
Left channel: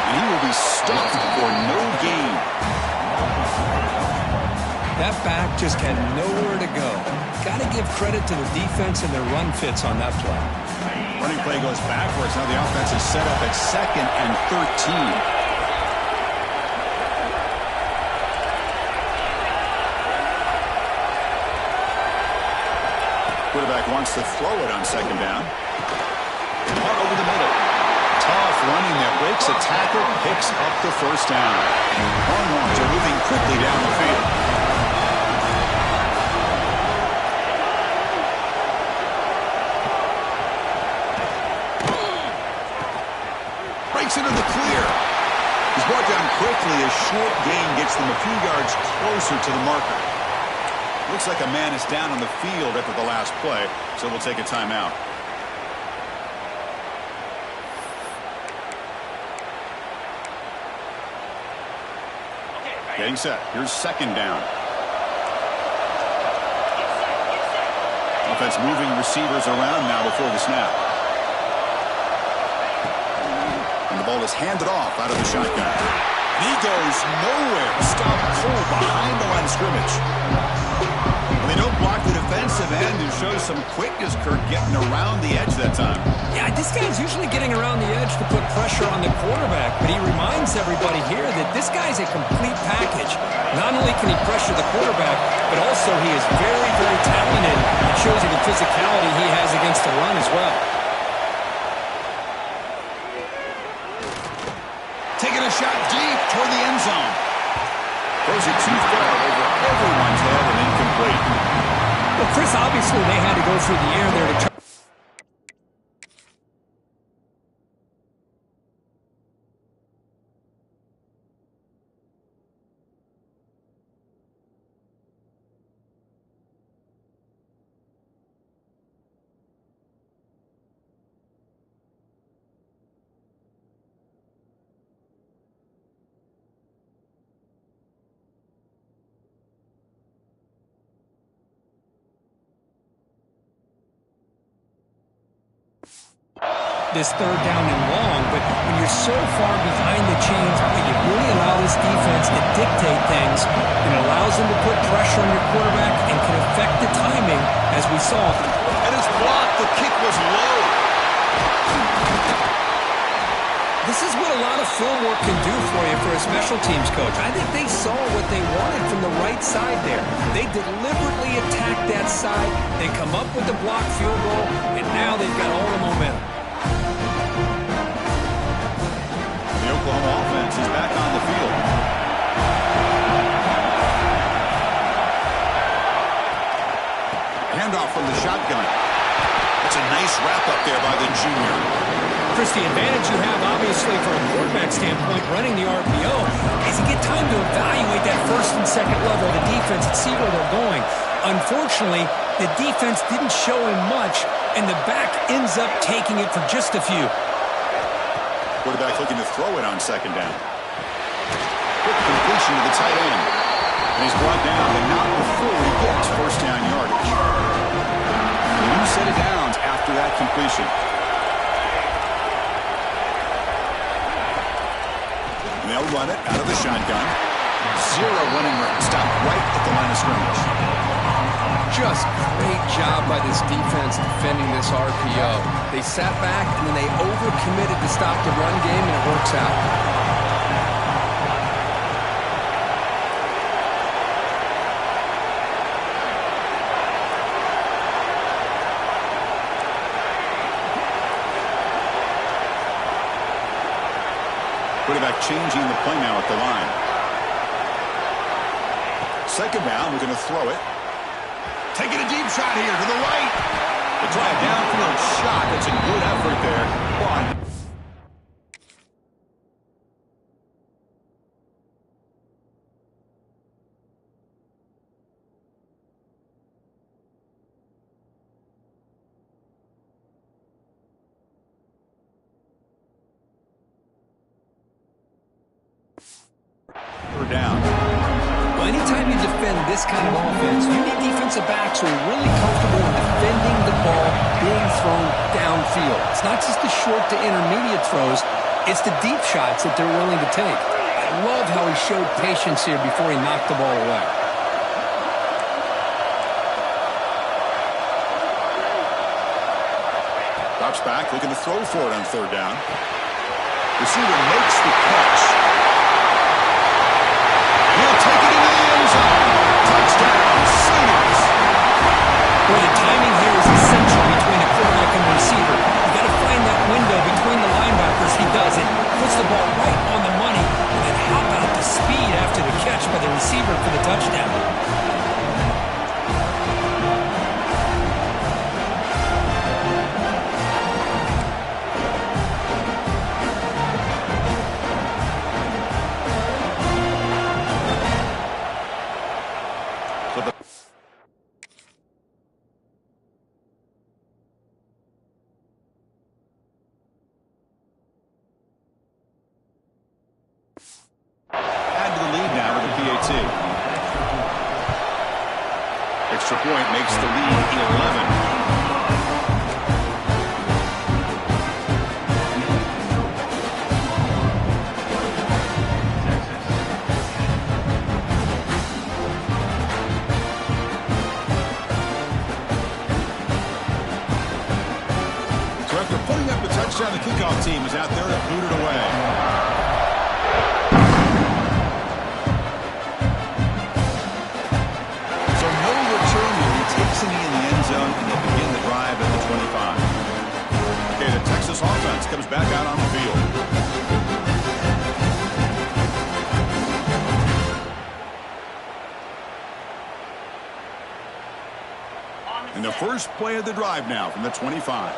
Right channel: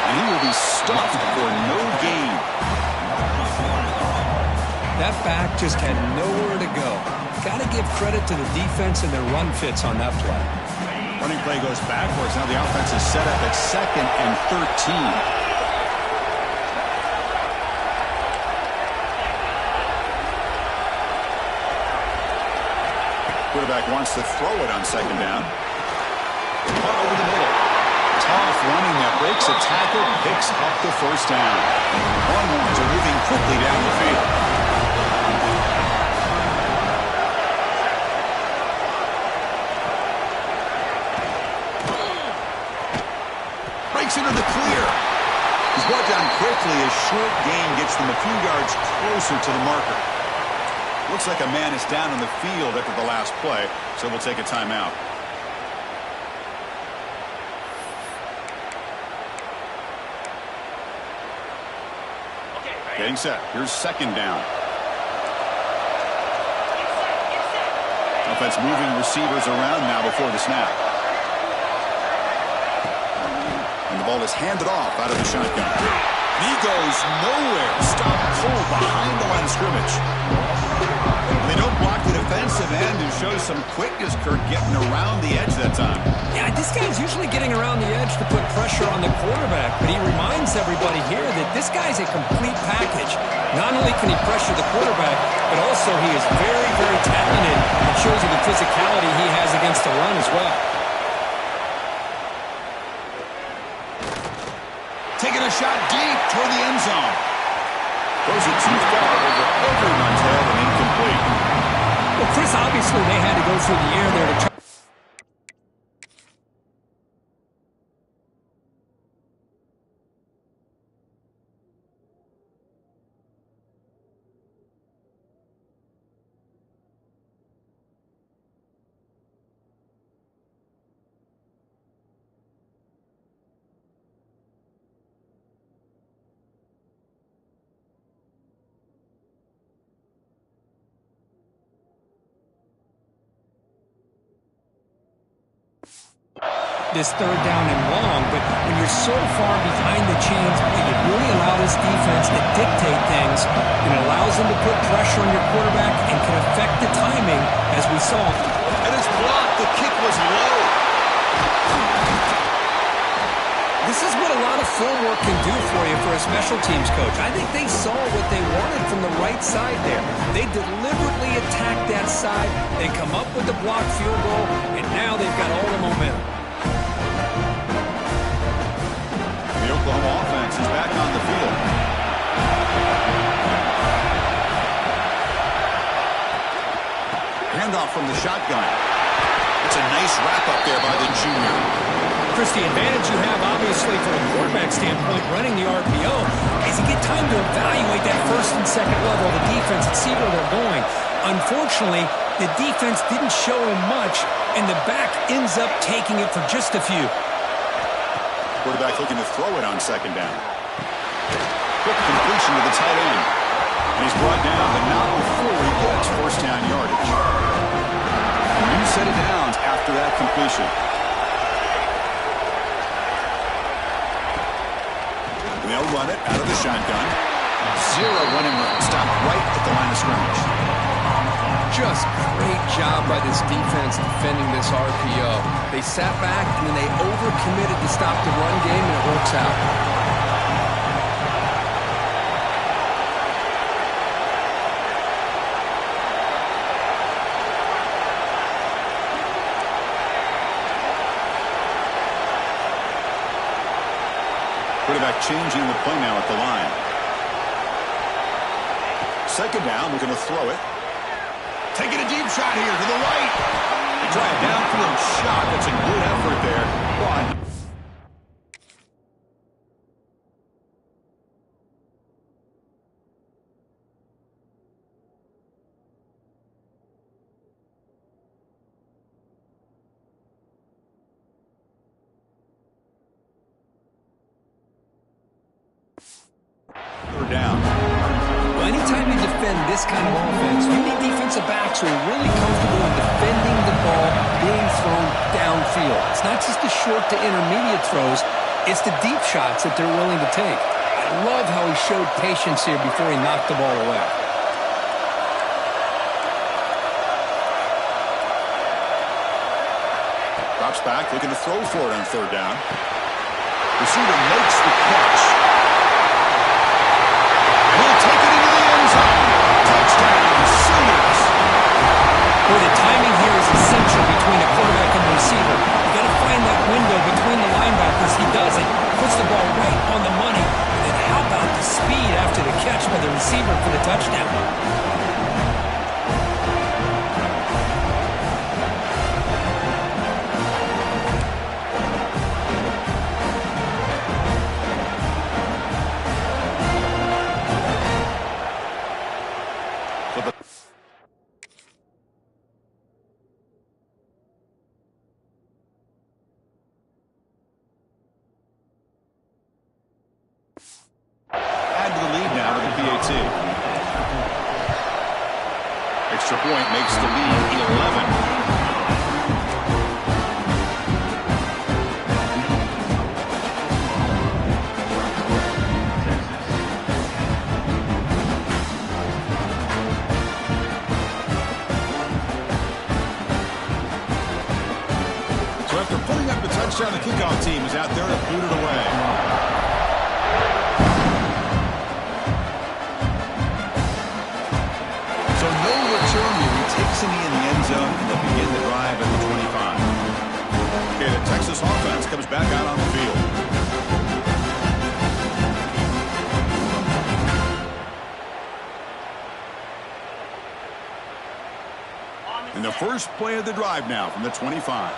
And he will be stuffed for no gain. That back just had nowhere to go. Got to give credit to the defense and their run fits on that play. Running play goes backwards. Now the offense is set up at 2nd and 13. Quarterback wants to throw it on 2nd down. Caught over the middle. Tough running there. Breaks a tackle. Picks up the first down. Longhorns are moving quickly down the field. Breaks into the clear. He's brought down quickly. A short gain gets them a few yards closer to the marker. Looks like a man is down on the field after the last play, so we'll take a timeout. Getting set. Here's 2nd down. Offense moving receivers around now before the snap. And the ball is handed off out of the shotgun. And he goes nowhere. Stopped cold behind the line of scrimmage. They don't block the defensive end and show some quickness, Kirk, getting around the edge that time. Yeah, this guy's usually getting around the edge to put pressure on the quarterback, but he reminds everybody here that this guy's a complete package. Not only can he pressure the quarterback, but also he is very, very talented and shows you the physicality he has against the run as well. Taking a shot deep toward the end zone. Throws it too far over everyone's head and incomplete. Well, Chris, obviously they had to go through the air there to try. this third down and long, but when you're so far behind the chains, you really allow this defense to dictate things, and it allows them to put pressure on your quarterback and can affect the timing, as we saw. And it's blocked. The kick was low. This is what a lot of film work can do for you for a special teams coach. I think they saw what they wanted from the right side there. They deliberately attacked that side. They come up with the blocked field goal, and now they've got all the momentum. The Oklahoma offense is back on the field. Handoff from the shotgun. It's a nice wrap-up there by the junior. Chris, the advantage you have, obviously, from a quarterback standpoint, running the RPO, is you get time to evaluate that first and second level of the defense and see where they're going. Unfortunately, the defense didn't show him much, and the back ends up taking it for just a few. Quarterback looking to throw it on second down. Quick completion to the tight end. And he's brought down, but not before he gets first down yardage. A new set of downs after that completion. And they'll run it out of the shotgun. Zero running room. Stopped right at the line of scrimmage. Just great job by this defense defending this RPO. They sat back, and then they overcommitted to stop the run game, and it works out. Quarterback changing the play now at the line. Second down, we're going to throw it. Taking a deep shot here to the right. They try a downfield shot. That's a good effort there. But down. Well, anytime you defend this kind of offense, you need defensive backs who are really comfortable in defending the ball being thrown downfield. It's not just the short to intermediate throws, it's the deep shots that they're willing to take. I love how he showed patience here before he knocked the ball away. Drops back, looking to throw for it on third down. Receiver makes the catch. He'll take it into the end zone. Touchdown, Sooners. Boy, the timing here is essential between a quarterback and a receiver. You got to find that window between the linebackers. He does it. Puts the ball right on the money. And then how about the speed after the catch by the receiver for the touchdown? Add to the lead now with the PAT. Extra point makes the lead 11. So after putting up a touchdown, the kickoff team is out there to boot it away. So no return here. He takes a knee in the end zone, and they'll begin the drive at the 25. Okay, the Texas offense comes back out on the field. And the first play of the drive now from the 25.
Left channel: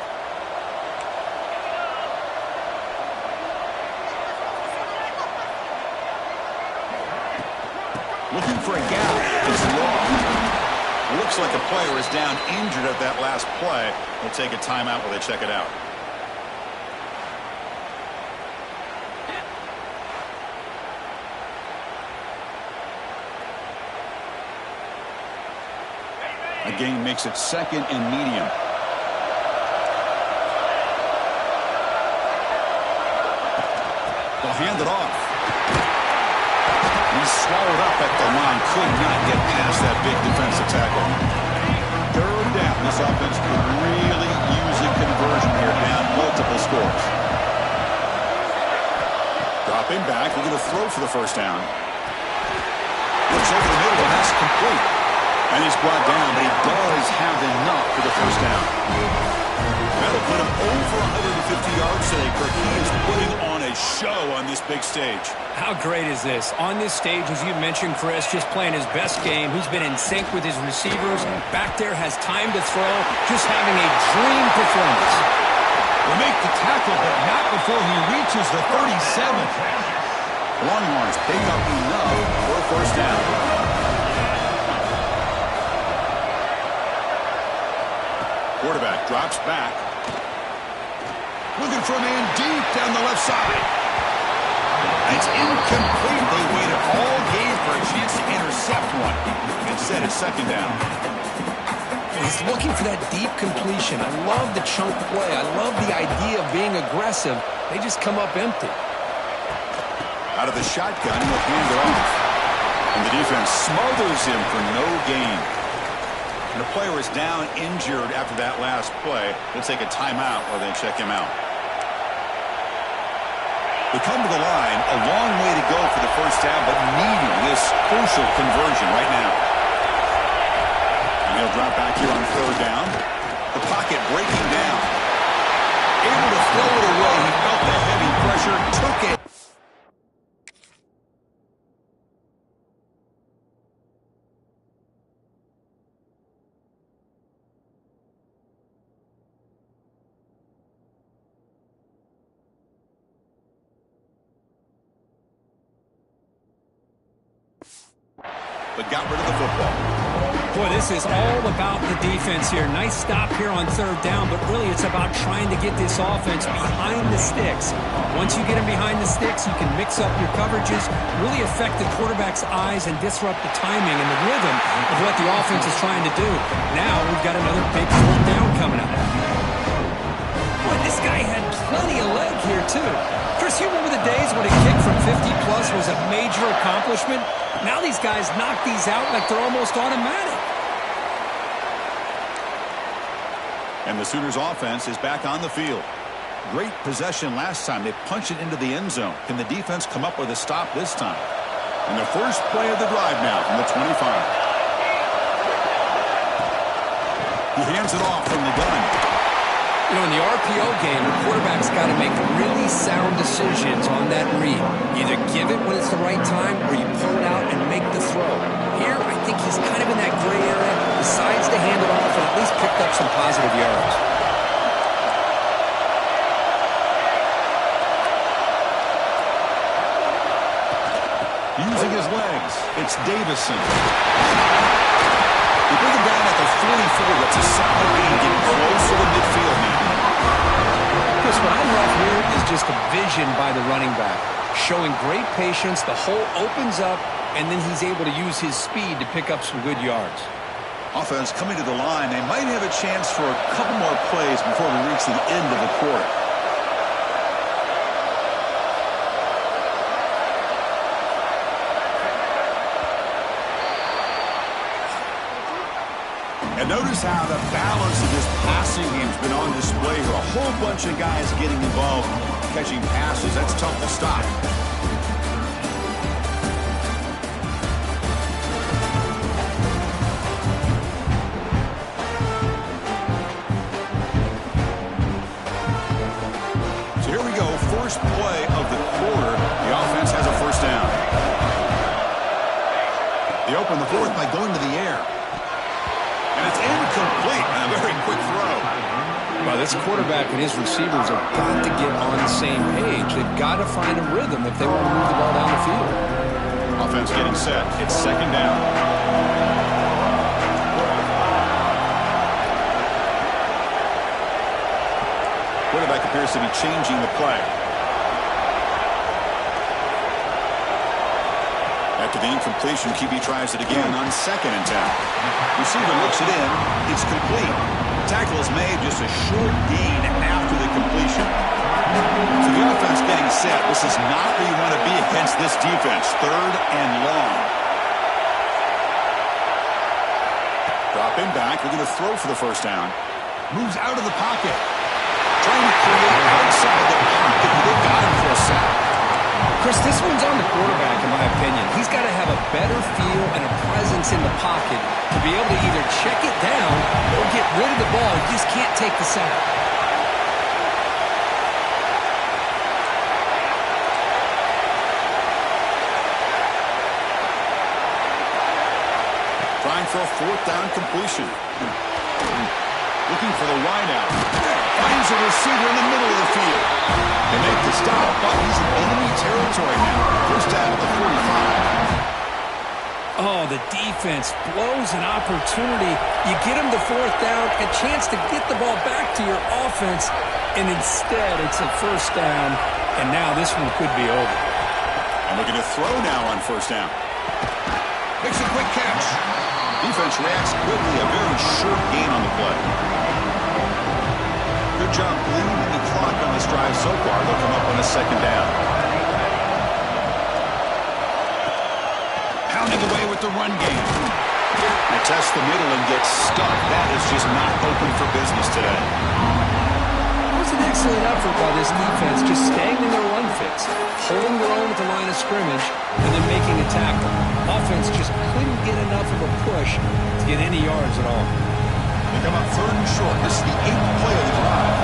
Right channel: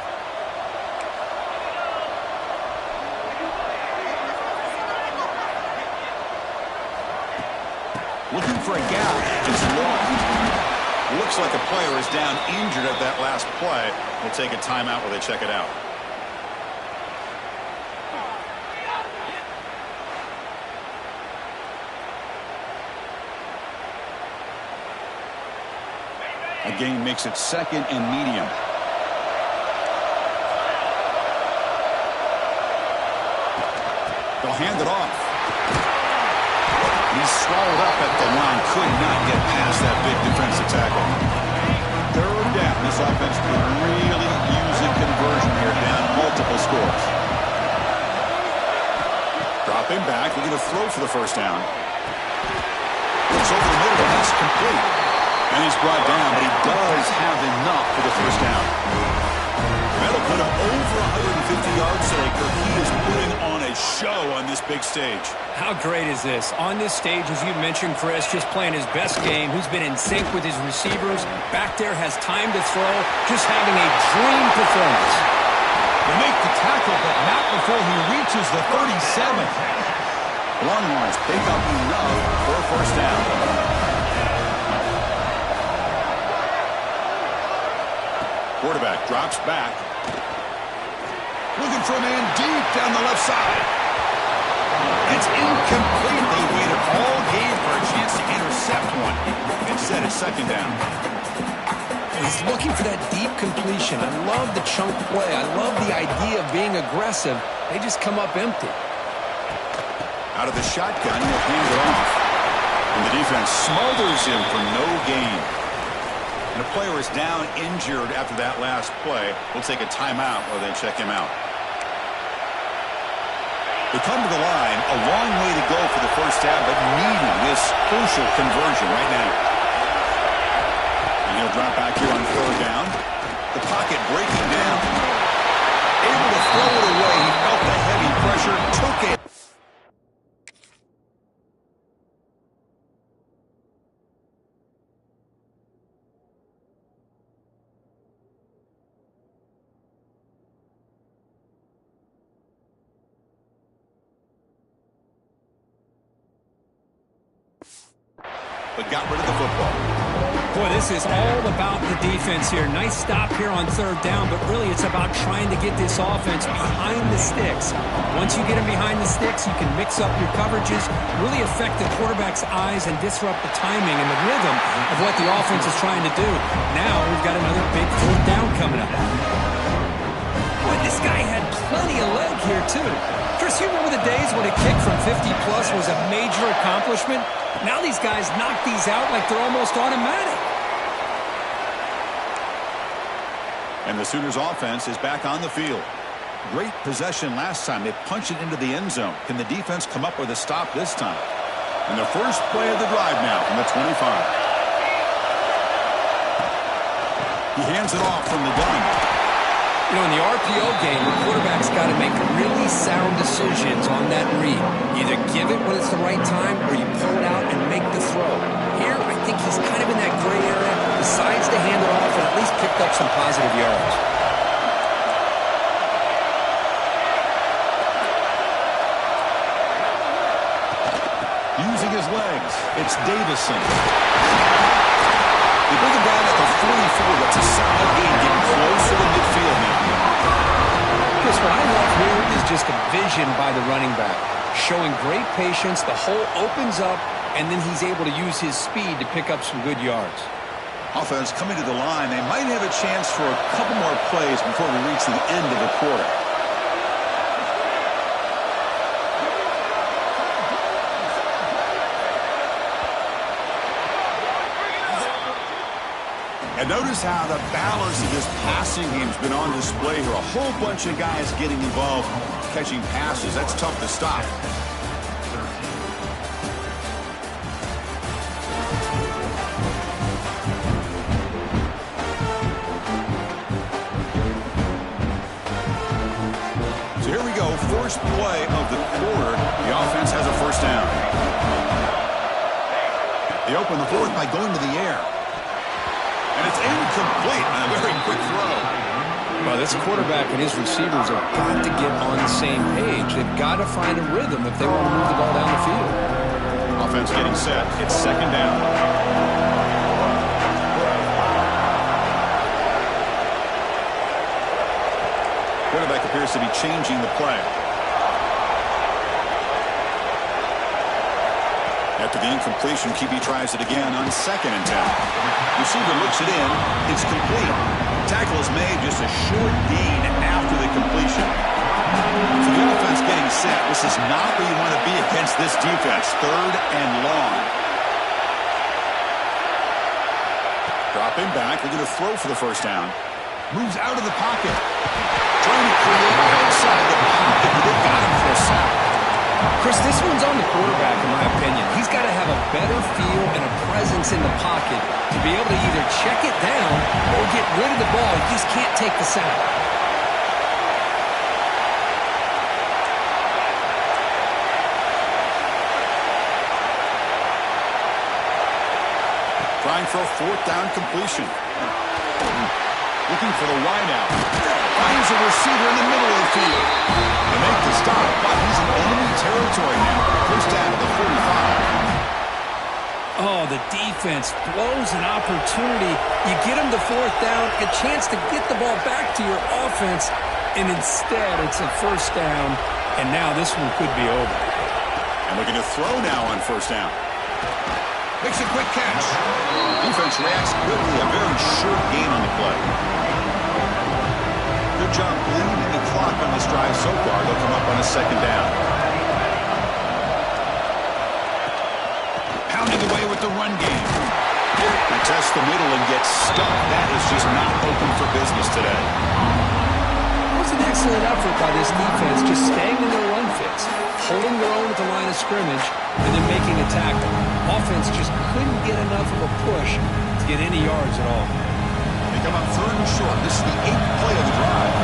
Looking for a gap. It's long. Looks like a player is down injured at that last play. We'll take a timeout while they check it out. A gain makes it second and medium. They'll hand it off. He's swallowed up at the line. Could not get past that big defensive tackle. Third down. This offense could really use a conversion here, down multiple scores. Dropping back. We're going to throw for the first down. Looks over the middle, and that's complete. And he's brought down, but he does have enough for the first down. That'll put him over 150 yards today. Kirk, he is putting on a show on this big stage. How great is this? On this stage, as you mentioned, Chris, just playing his best game. He's been in sync with his receivers. Back there, has time to throw. Just having a dream performance. They make the tackle, but not before he reaches the 37. Longhorns pick up enough for a first down. Quarterback drops back. Looking for a man deep down the left side. It's incomplete. They waited all game for a chance to intercept one. Instead, it's second down. He's looking for that deep completion. I love the chunk play. I love the idea of being aggressive. They just come up empty. Out of the shotgun, he'll hand it off. And the defense smothers him for no gain. And the player is down injured after that last play. We'll take a timeout while they check him out. They come to the line, a long way to go for the first down, but needing this crucial conversion right now. And he'll drop back here on third down. The pocket breaking down. Able to throw it away. He felt the heavy pressure, took it. But got rid of the football. Boy, this is all about the defense here. Nice stop here on third down, but really it's about trying to get this offense behind the sticks. Once you get them behind the sticks, you can mix up your coverages, really affect the quarterback's eyes and disrupt the timing and the rhythm of what the offense is trying to do. Now we've got another big fourth down coming up. Boy, this guy had plenty of leg here, too. Chris, you remember the days when a kick from 50-plus was a major accomplishment? Now these guys knock these out like they're almost automatic. And the Sooners offense is back on the field. Great possession last time. They punched it into the end zone. Can the defense come up with a stop this time? And the first play of the drive now from the 25. He hands it off from the gun. You know, in the RPO game, the quarterback's got to make really sound decisions on that read. Either give it when it's the right time or you pull it out and make the throw. Here, I think he's kind of in that gray area, decides to hand it off and at least picked up some positive yards. Using his legs, it's Davison. They bring him down at the 44. That's a solid gain, getting close to the midfield now. Chris, what I love here is just the vision by the running back. Showing great patience, the hole opens up, and then he's able to use his speed to pick up some good yards. Offense coming to the line. They might have a chance for a couple more plays before we reach the end of the quarter. And notice how the balance of this passing game has been on display here. A whole bunch of guys getting involved, catching passes. That's tough to stop. So here we go. First play of the quarter. The offense has a first down. They open the fourth by going to the air. And it's incomplete on a very quick throw. Well, this quarterback and his receivers have got to get on the same page. They've got to find a rhythm if they want to move the ball down the field. Offense getting set. It's second down. Quarterback appears to be changing the play. After the incompletion, QB tries it again on 2nd and 10. Receiver looks it in. It's complete. Tackle is made, just a short gain after the completion. So the offense getting set. This is not where you want to be against this defense. 3rd and long. Dropping back. They're going to throw for the first down. Moves out of the pocket. Trying to create outside the pocket, but they got him for a sack. Chris, this one's on the quarterback, in my opinion. He's got to have a better feel and a presence in the pocket to be able to either check it down or get rid of the ball. He just can't take the sack. Trying for a 4th down completion. Looking for the wideout. Finds a receiver in the middle of the field. They make the stop, but he's in enemy territory now. First down at the 45. Oh, the defense blows an opportunity. You get him the 4th down, a chance to get the ball back to your offense, and instead it's a first down, and now this one could be over. And looking to throw now on first down. Makes a quick catch. Defense reacts quickly. A very short gain on the play. Good job bleeding the clock on this drive so far. They'll come up on a 2nd down. Pounding away with the run game. They test the middle and get stuck. That is just not open for business today. It was an excellent effort by this defense, just staying in their run fits, holding their own at the line of scrimmage, and then making a tackle. Offense just couldn't get enough of a push to get any yards at all. They come up 3rd and short. This is the 8th play of the drive.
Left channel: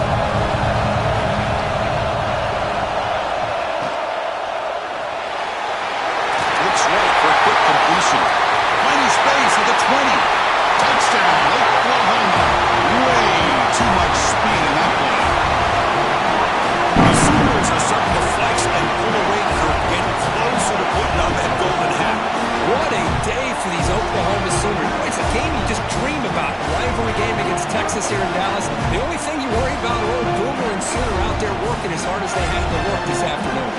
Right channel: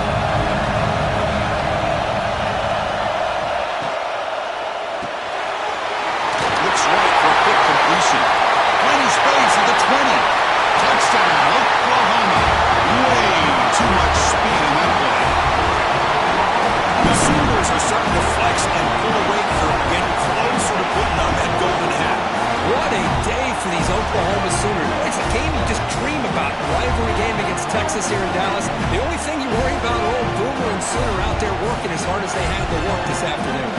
Looks right for a quick completion. Plenty space at the 20. Touchdown, Oklahoma. Way too much speed in that play. The Sooners are starting to flex and pull away for getting closer to putting on that golden hat. What a day for these Oklahoma Sooners. It's a game you just dream about. Rivalry game against Texas here in Dallas. The only thing you worry about are old Boomer and Sooner out there working as hard as they had to work this afternoon.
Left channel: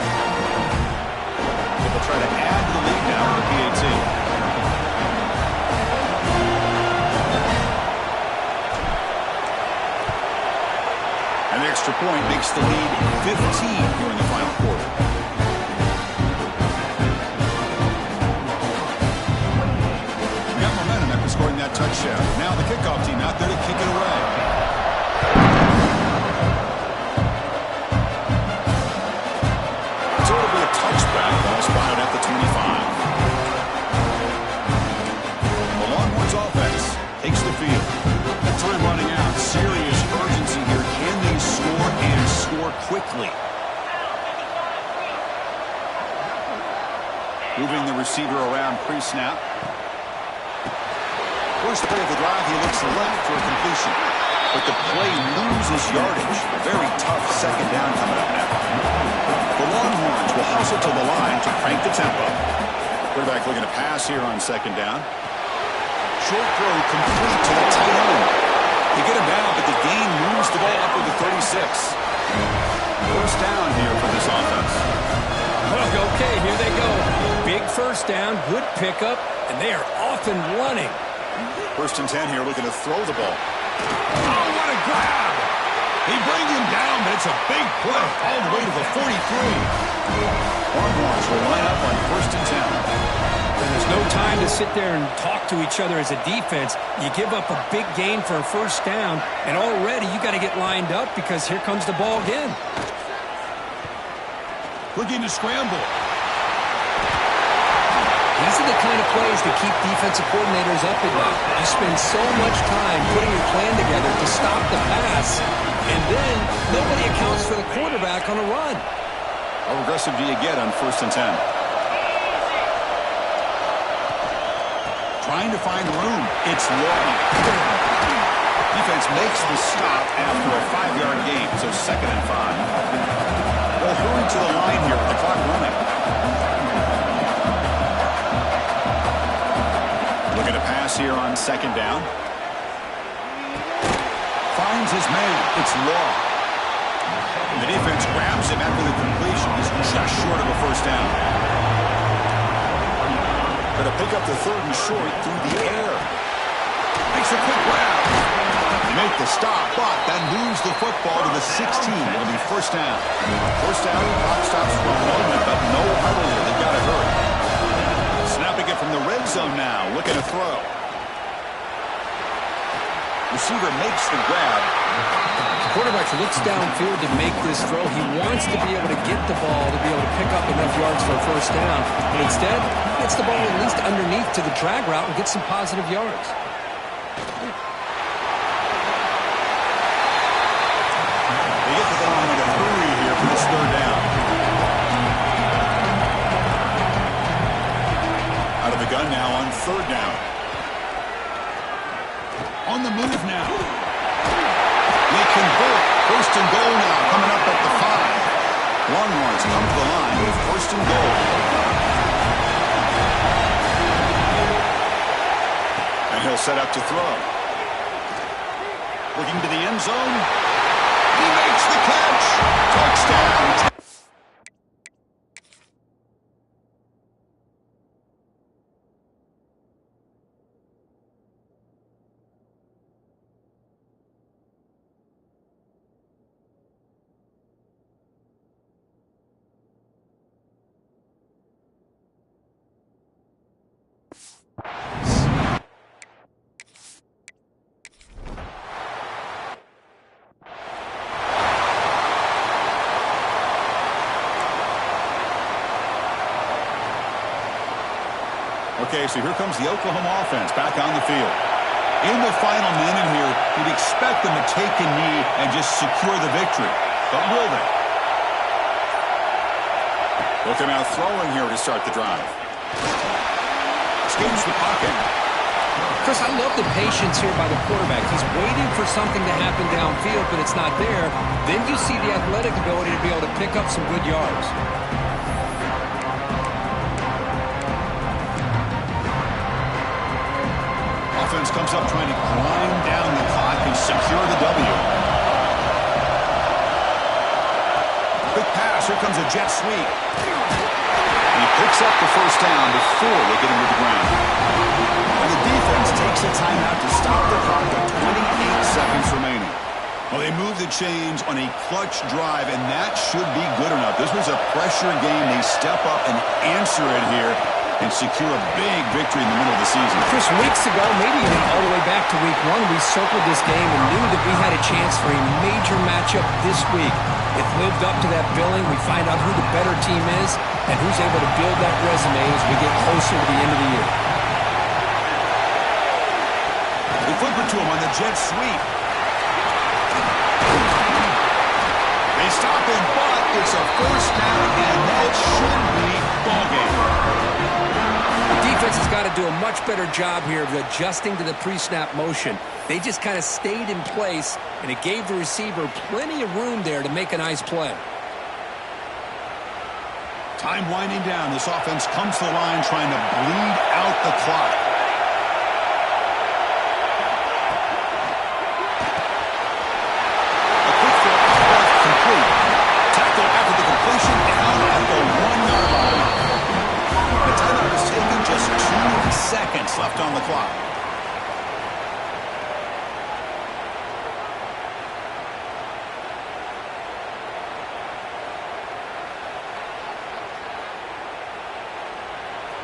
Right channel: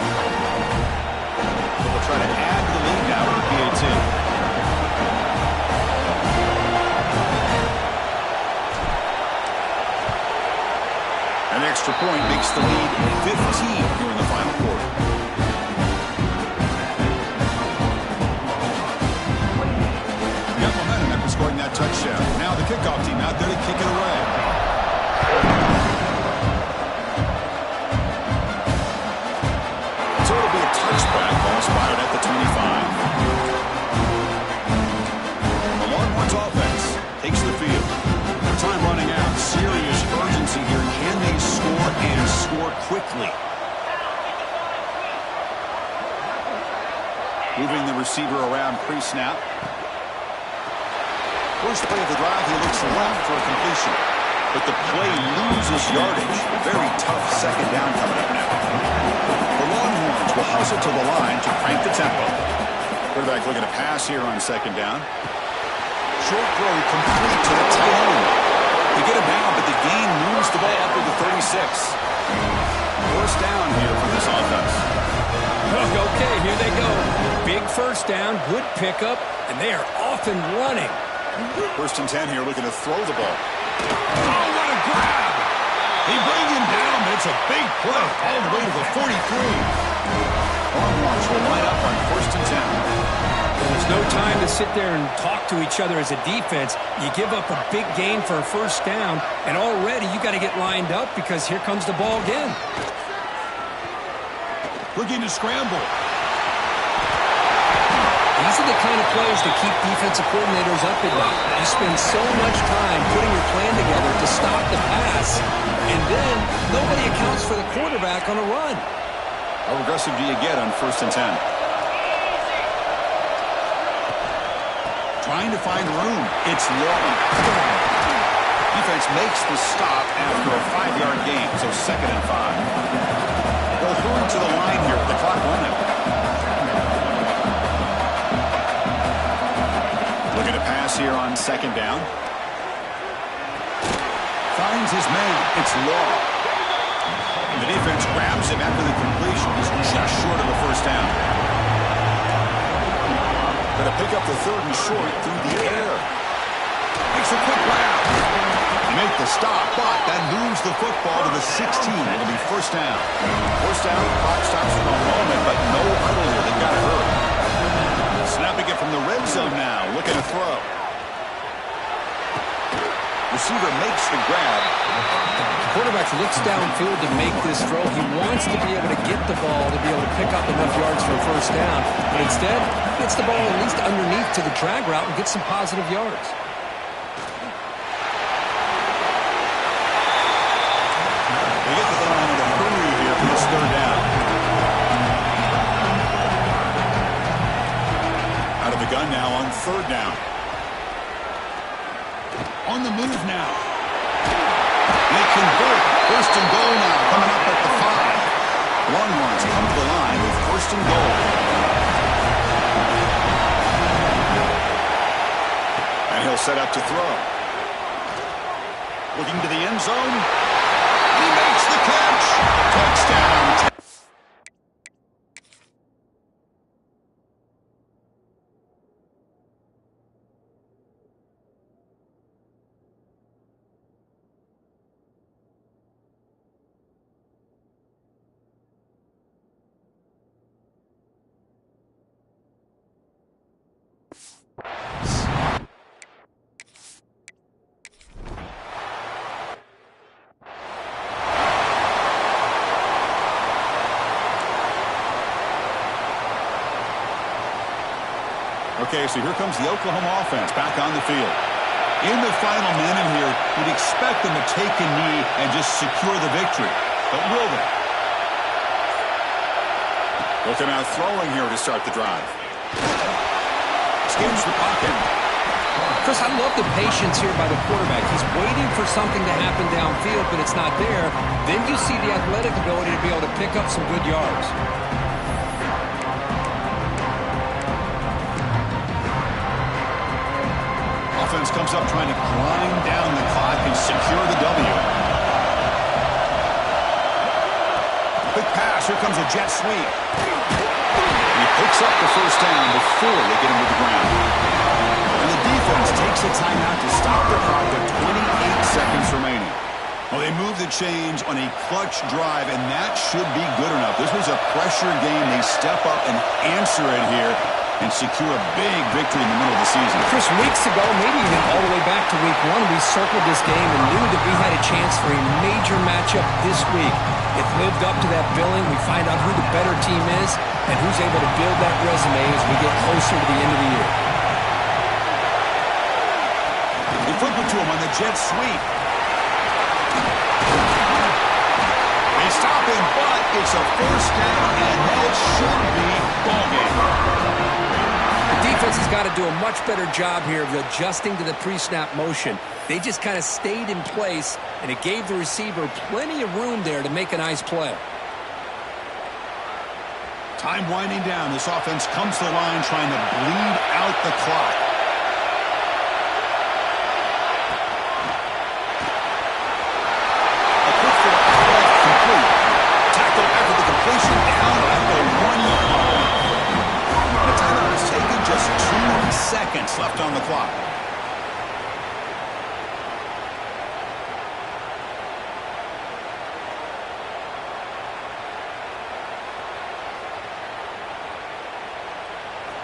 So they'll try to add to the lead now with the PAT. An extra point makes the lead 15 here in the final quarter. Got momentum after scoring that touchdown. Now the kickoff team out there to kick it away. So it'll be a touchback. Ball spotted at the 25. The Longhorns offense takes the field. Time running out. Serious urgency here. Can they score and score quickly? Moving the receiver around pre-snap. First play of the drive, he looks left for a completion. But the play loses yardage. Very tough 2nd down coming up now. The Longhorns will hustle to the line to crank the tempo. Quarterback looking to pass here on 2nd down. Short throw complete to the tight end. They get him down, but the gain moves the ball up to the 36. First down here for this offense. Okay, here they go. Big first down, good pickup, and they are off and running. 1st and 10 here, looking to throw the ball. Oh, what a grab! He brings him down, but it's a big play all the way to the 43. Longhorns will line up on 1st and 10. And there's no time to sit there and talk to each other as a defense. You give up a big gain for a first down, and already you got to get lined up because here comes the ball again. Looking to scramble. These are the kind of plays that keep defensive coordinators up at night. You spend so much time putting your plan together to stop the pass, and then nobody accounts for the quarterback on a run. How aggressive do you get on 1st and 10? Trying to find room. It's long. Defense makes the stop after a 5-yard gain, so 2nd and 5. They'll hurry to the line here with the clock running. Looking to pass here on 2nd down. Finds his man. It's Law. The defense grabs him after the completion. He's just short of a first down. Going to pick up the 3rd and short through the air. Makes a quick grab. They make the stop, but that moves the football to the 16. It'll be first down. First down, clock stops for a moment, but no huddle here. They've got to hurry. Snapping it from the red zone now, looking to throw. Receiver makes the grab. The quarterback looks downfield to make this throw. He wants to be able to get the ball to be able to pick up enough yards for a first down, but instead, he gets the ball at least underneath to the drag route and gets some positive yards. They get to the line in a hurry here for this third down. Out of the gun now on third down. On the move now. They convert. First and goal now, coming up at the 5. Longhorns come to the line with first and goal. And he'll set up to throw. Looking to the end zone. He makes the catch. Touchdown. Okay, so here comes the Oklahoma offense back on the field. In the final minute here, you'd expect them to take a knee and just secure the victory. But will they? They'll come out throwing here to start the drive. Escapes the pocket. Chris, I love the patience here by the quarterback. He's waiting for something to happen downfield, but it's not there. Then you see the athletic ability to be able to pick up some good yards. Offense comes up trying to grind down the clock and secure the W. Quick pass. Here comes a jet sweep. He picks up the first down before they get him to the ground. And the defense takes a timeout to stop the clock with 28 seconds remaining. Well, they move the chains on a clutch drive, and that should be good enough. This was a pressure game. They step up and answer it here and secure a big victory in the middle of the season. Chris, weeks ago, maybe even all the way back to week 1, we circled this game and knew that we had a chance for a major matchup this week. It lived up to that billing. We find out who the better team is and who's able to build that resume as we get closer to the end of the year. They flip it to him on the jet sweep. They stop him, but it's a first down, and that should be ball game. The defense has got to do a much better job here of adjusting to the pre-snap motion. They just kind of stayed in place, and it gave the receiver plenty of room there to make a nice play. Time winding down. This offense comes to the line trying to bleed out the clock. A quick throw out left, complete. Tackle after the completion, down at the 1-yard line. The timeout is taken, just 2 seconds left on the clock.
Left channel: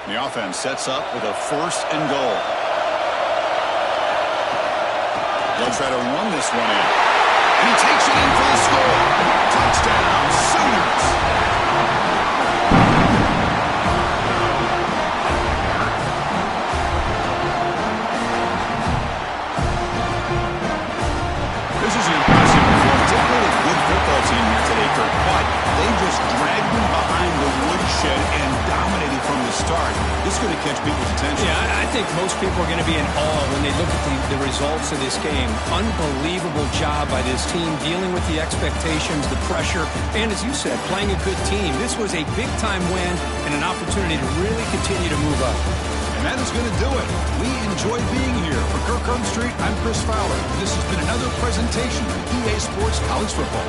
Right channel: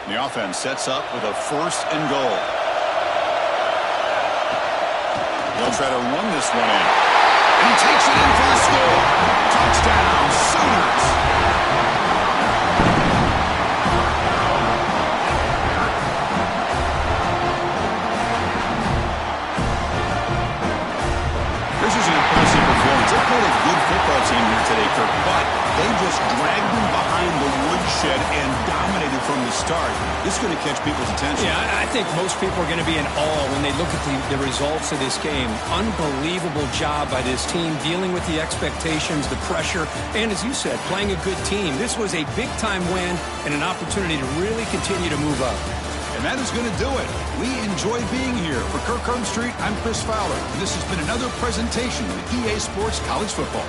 The offense sets up with a first and goal. They'll try to run this one in. And he takes it in for the score. Touchdown, Sooners. This is an impressive performance. They played a good football team here today, Kirk, but they just dragged them behind the woodshed and dominated from the start. This is going to catch people's attention. Yeah, I think most people are going to be in awe when they look at the results of this game. Unbelievable job by this team dealing with the expectations, the pressure, and as you said, playing a good team. This was a big-time win and an opportunity to really continue to move up. And that is going to do it. We enjoy being here. For Kirk Herbstreit, I'm Chris Fowler. And this has been another presentation of EA Sports College Football.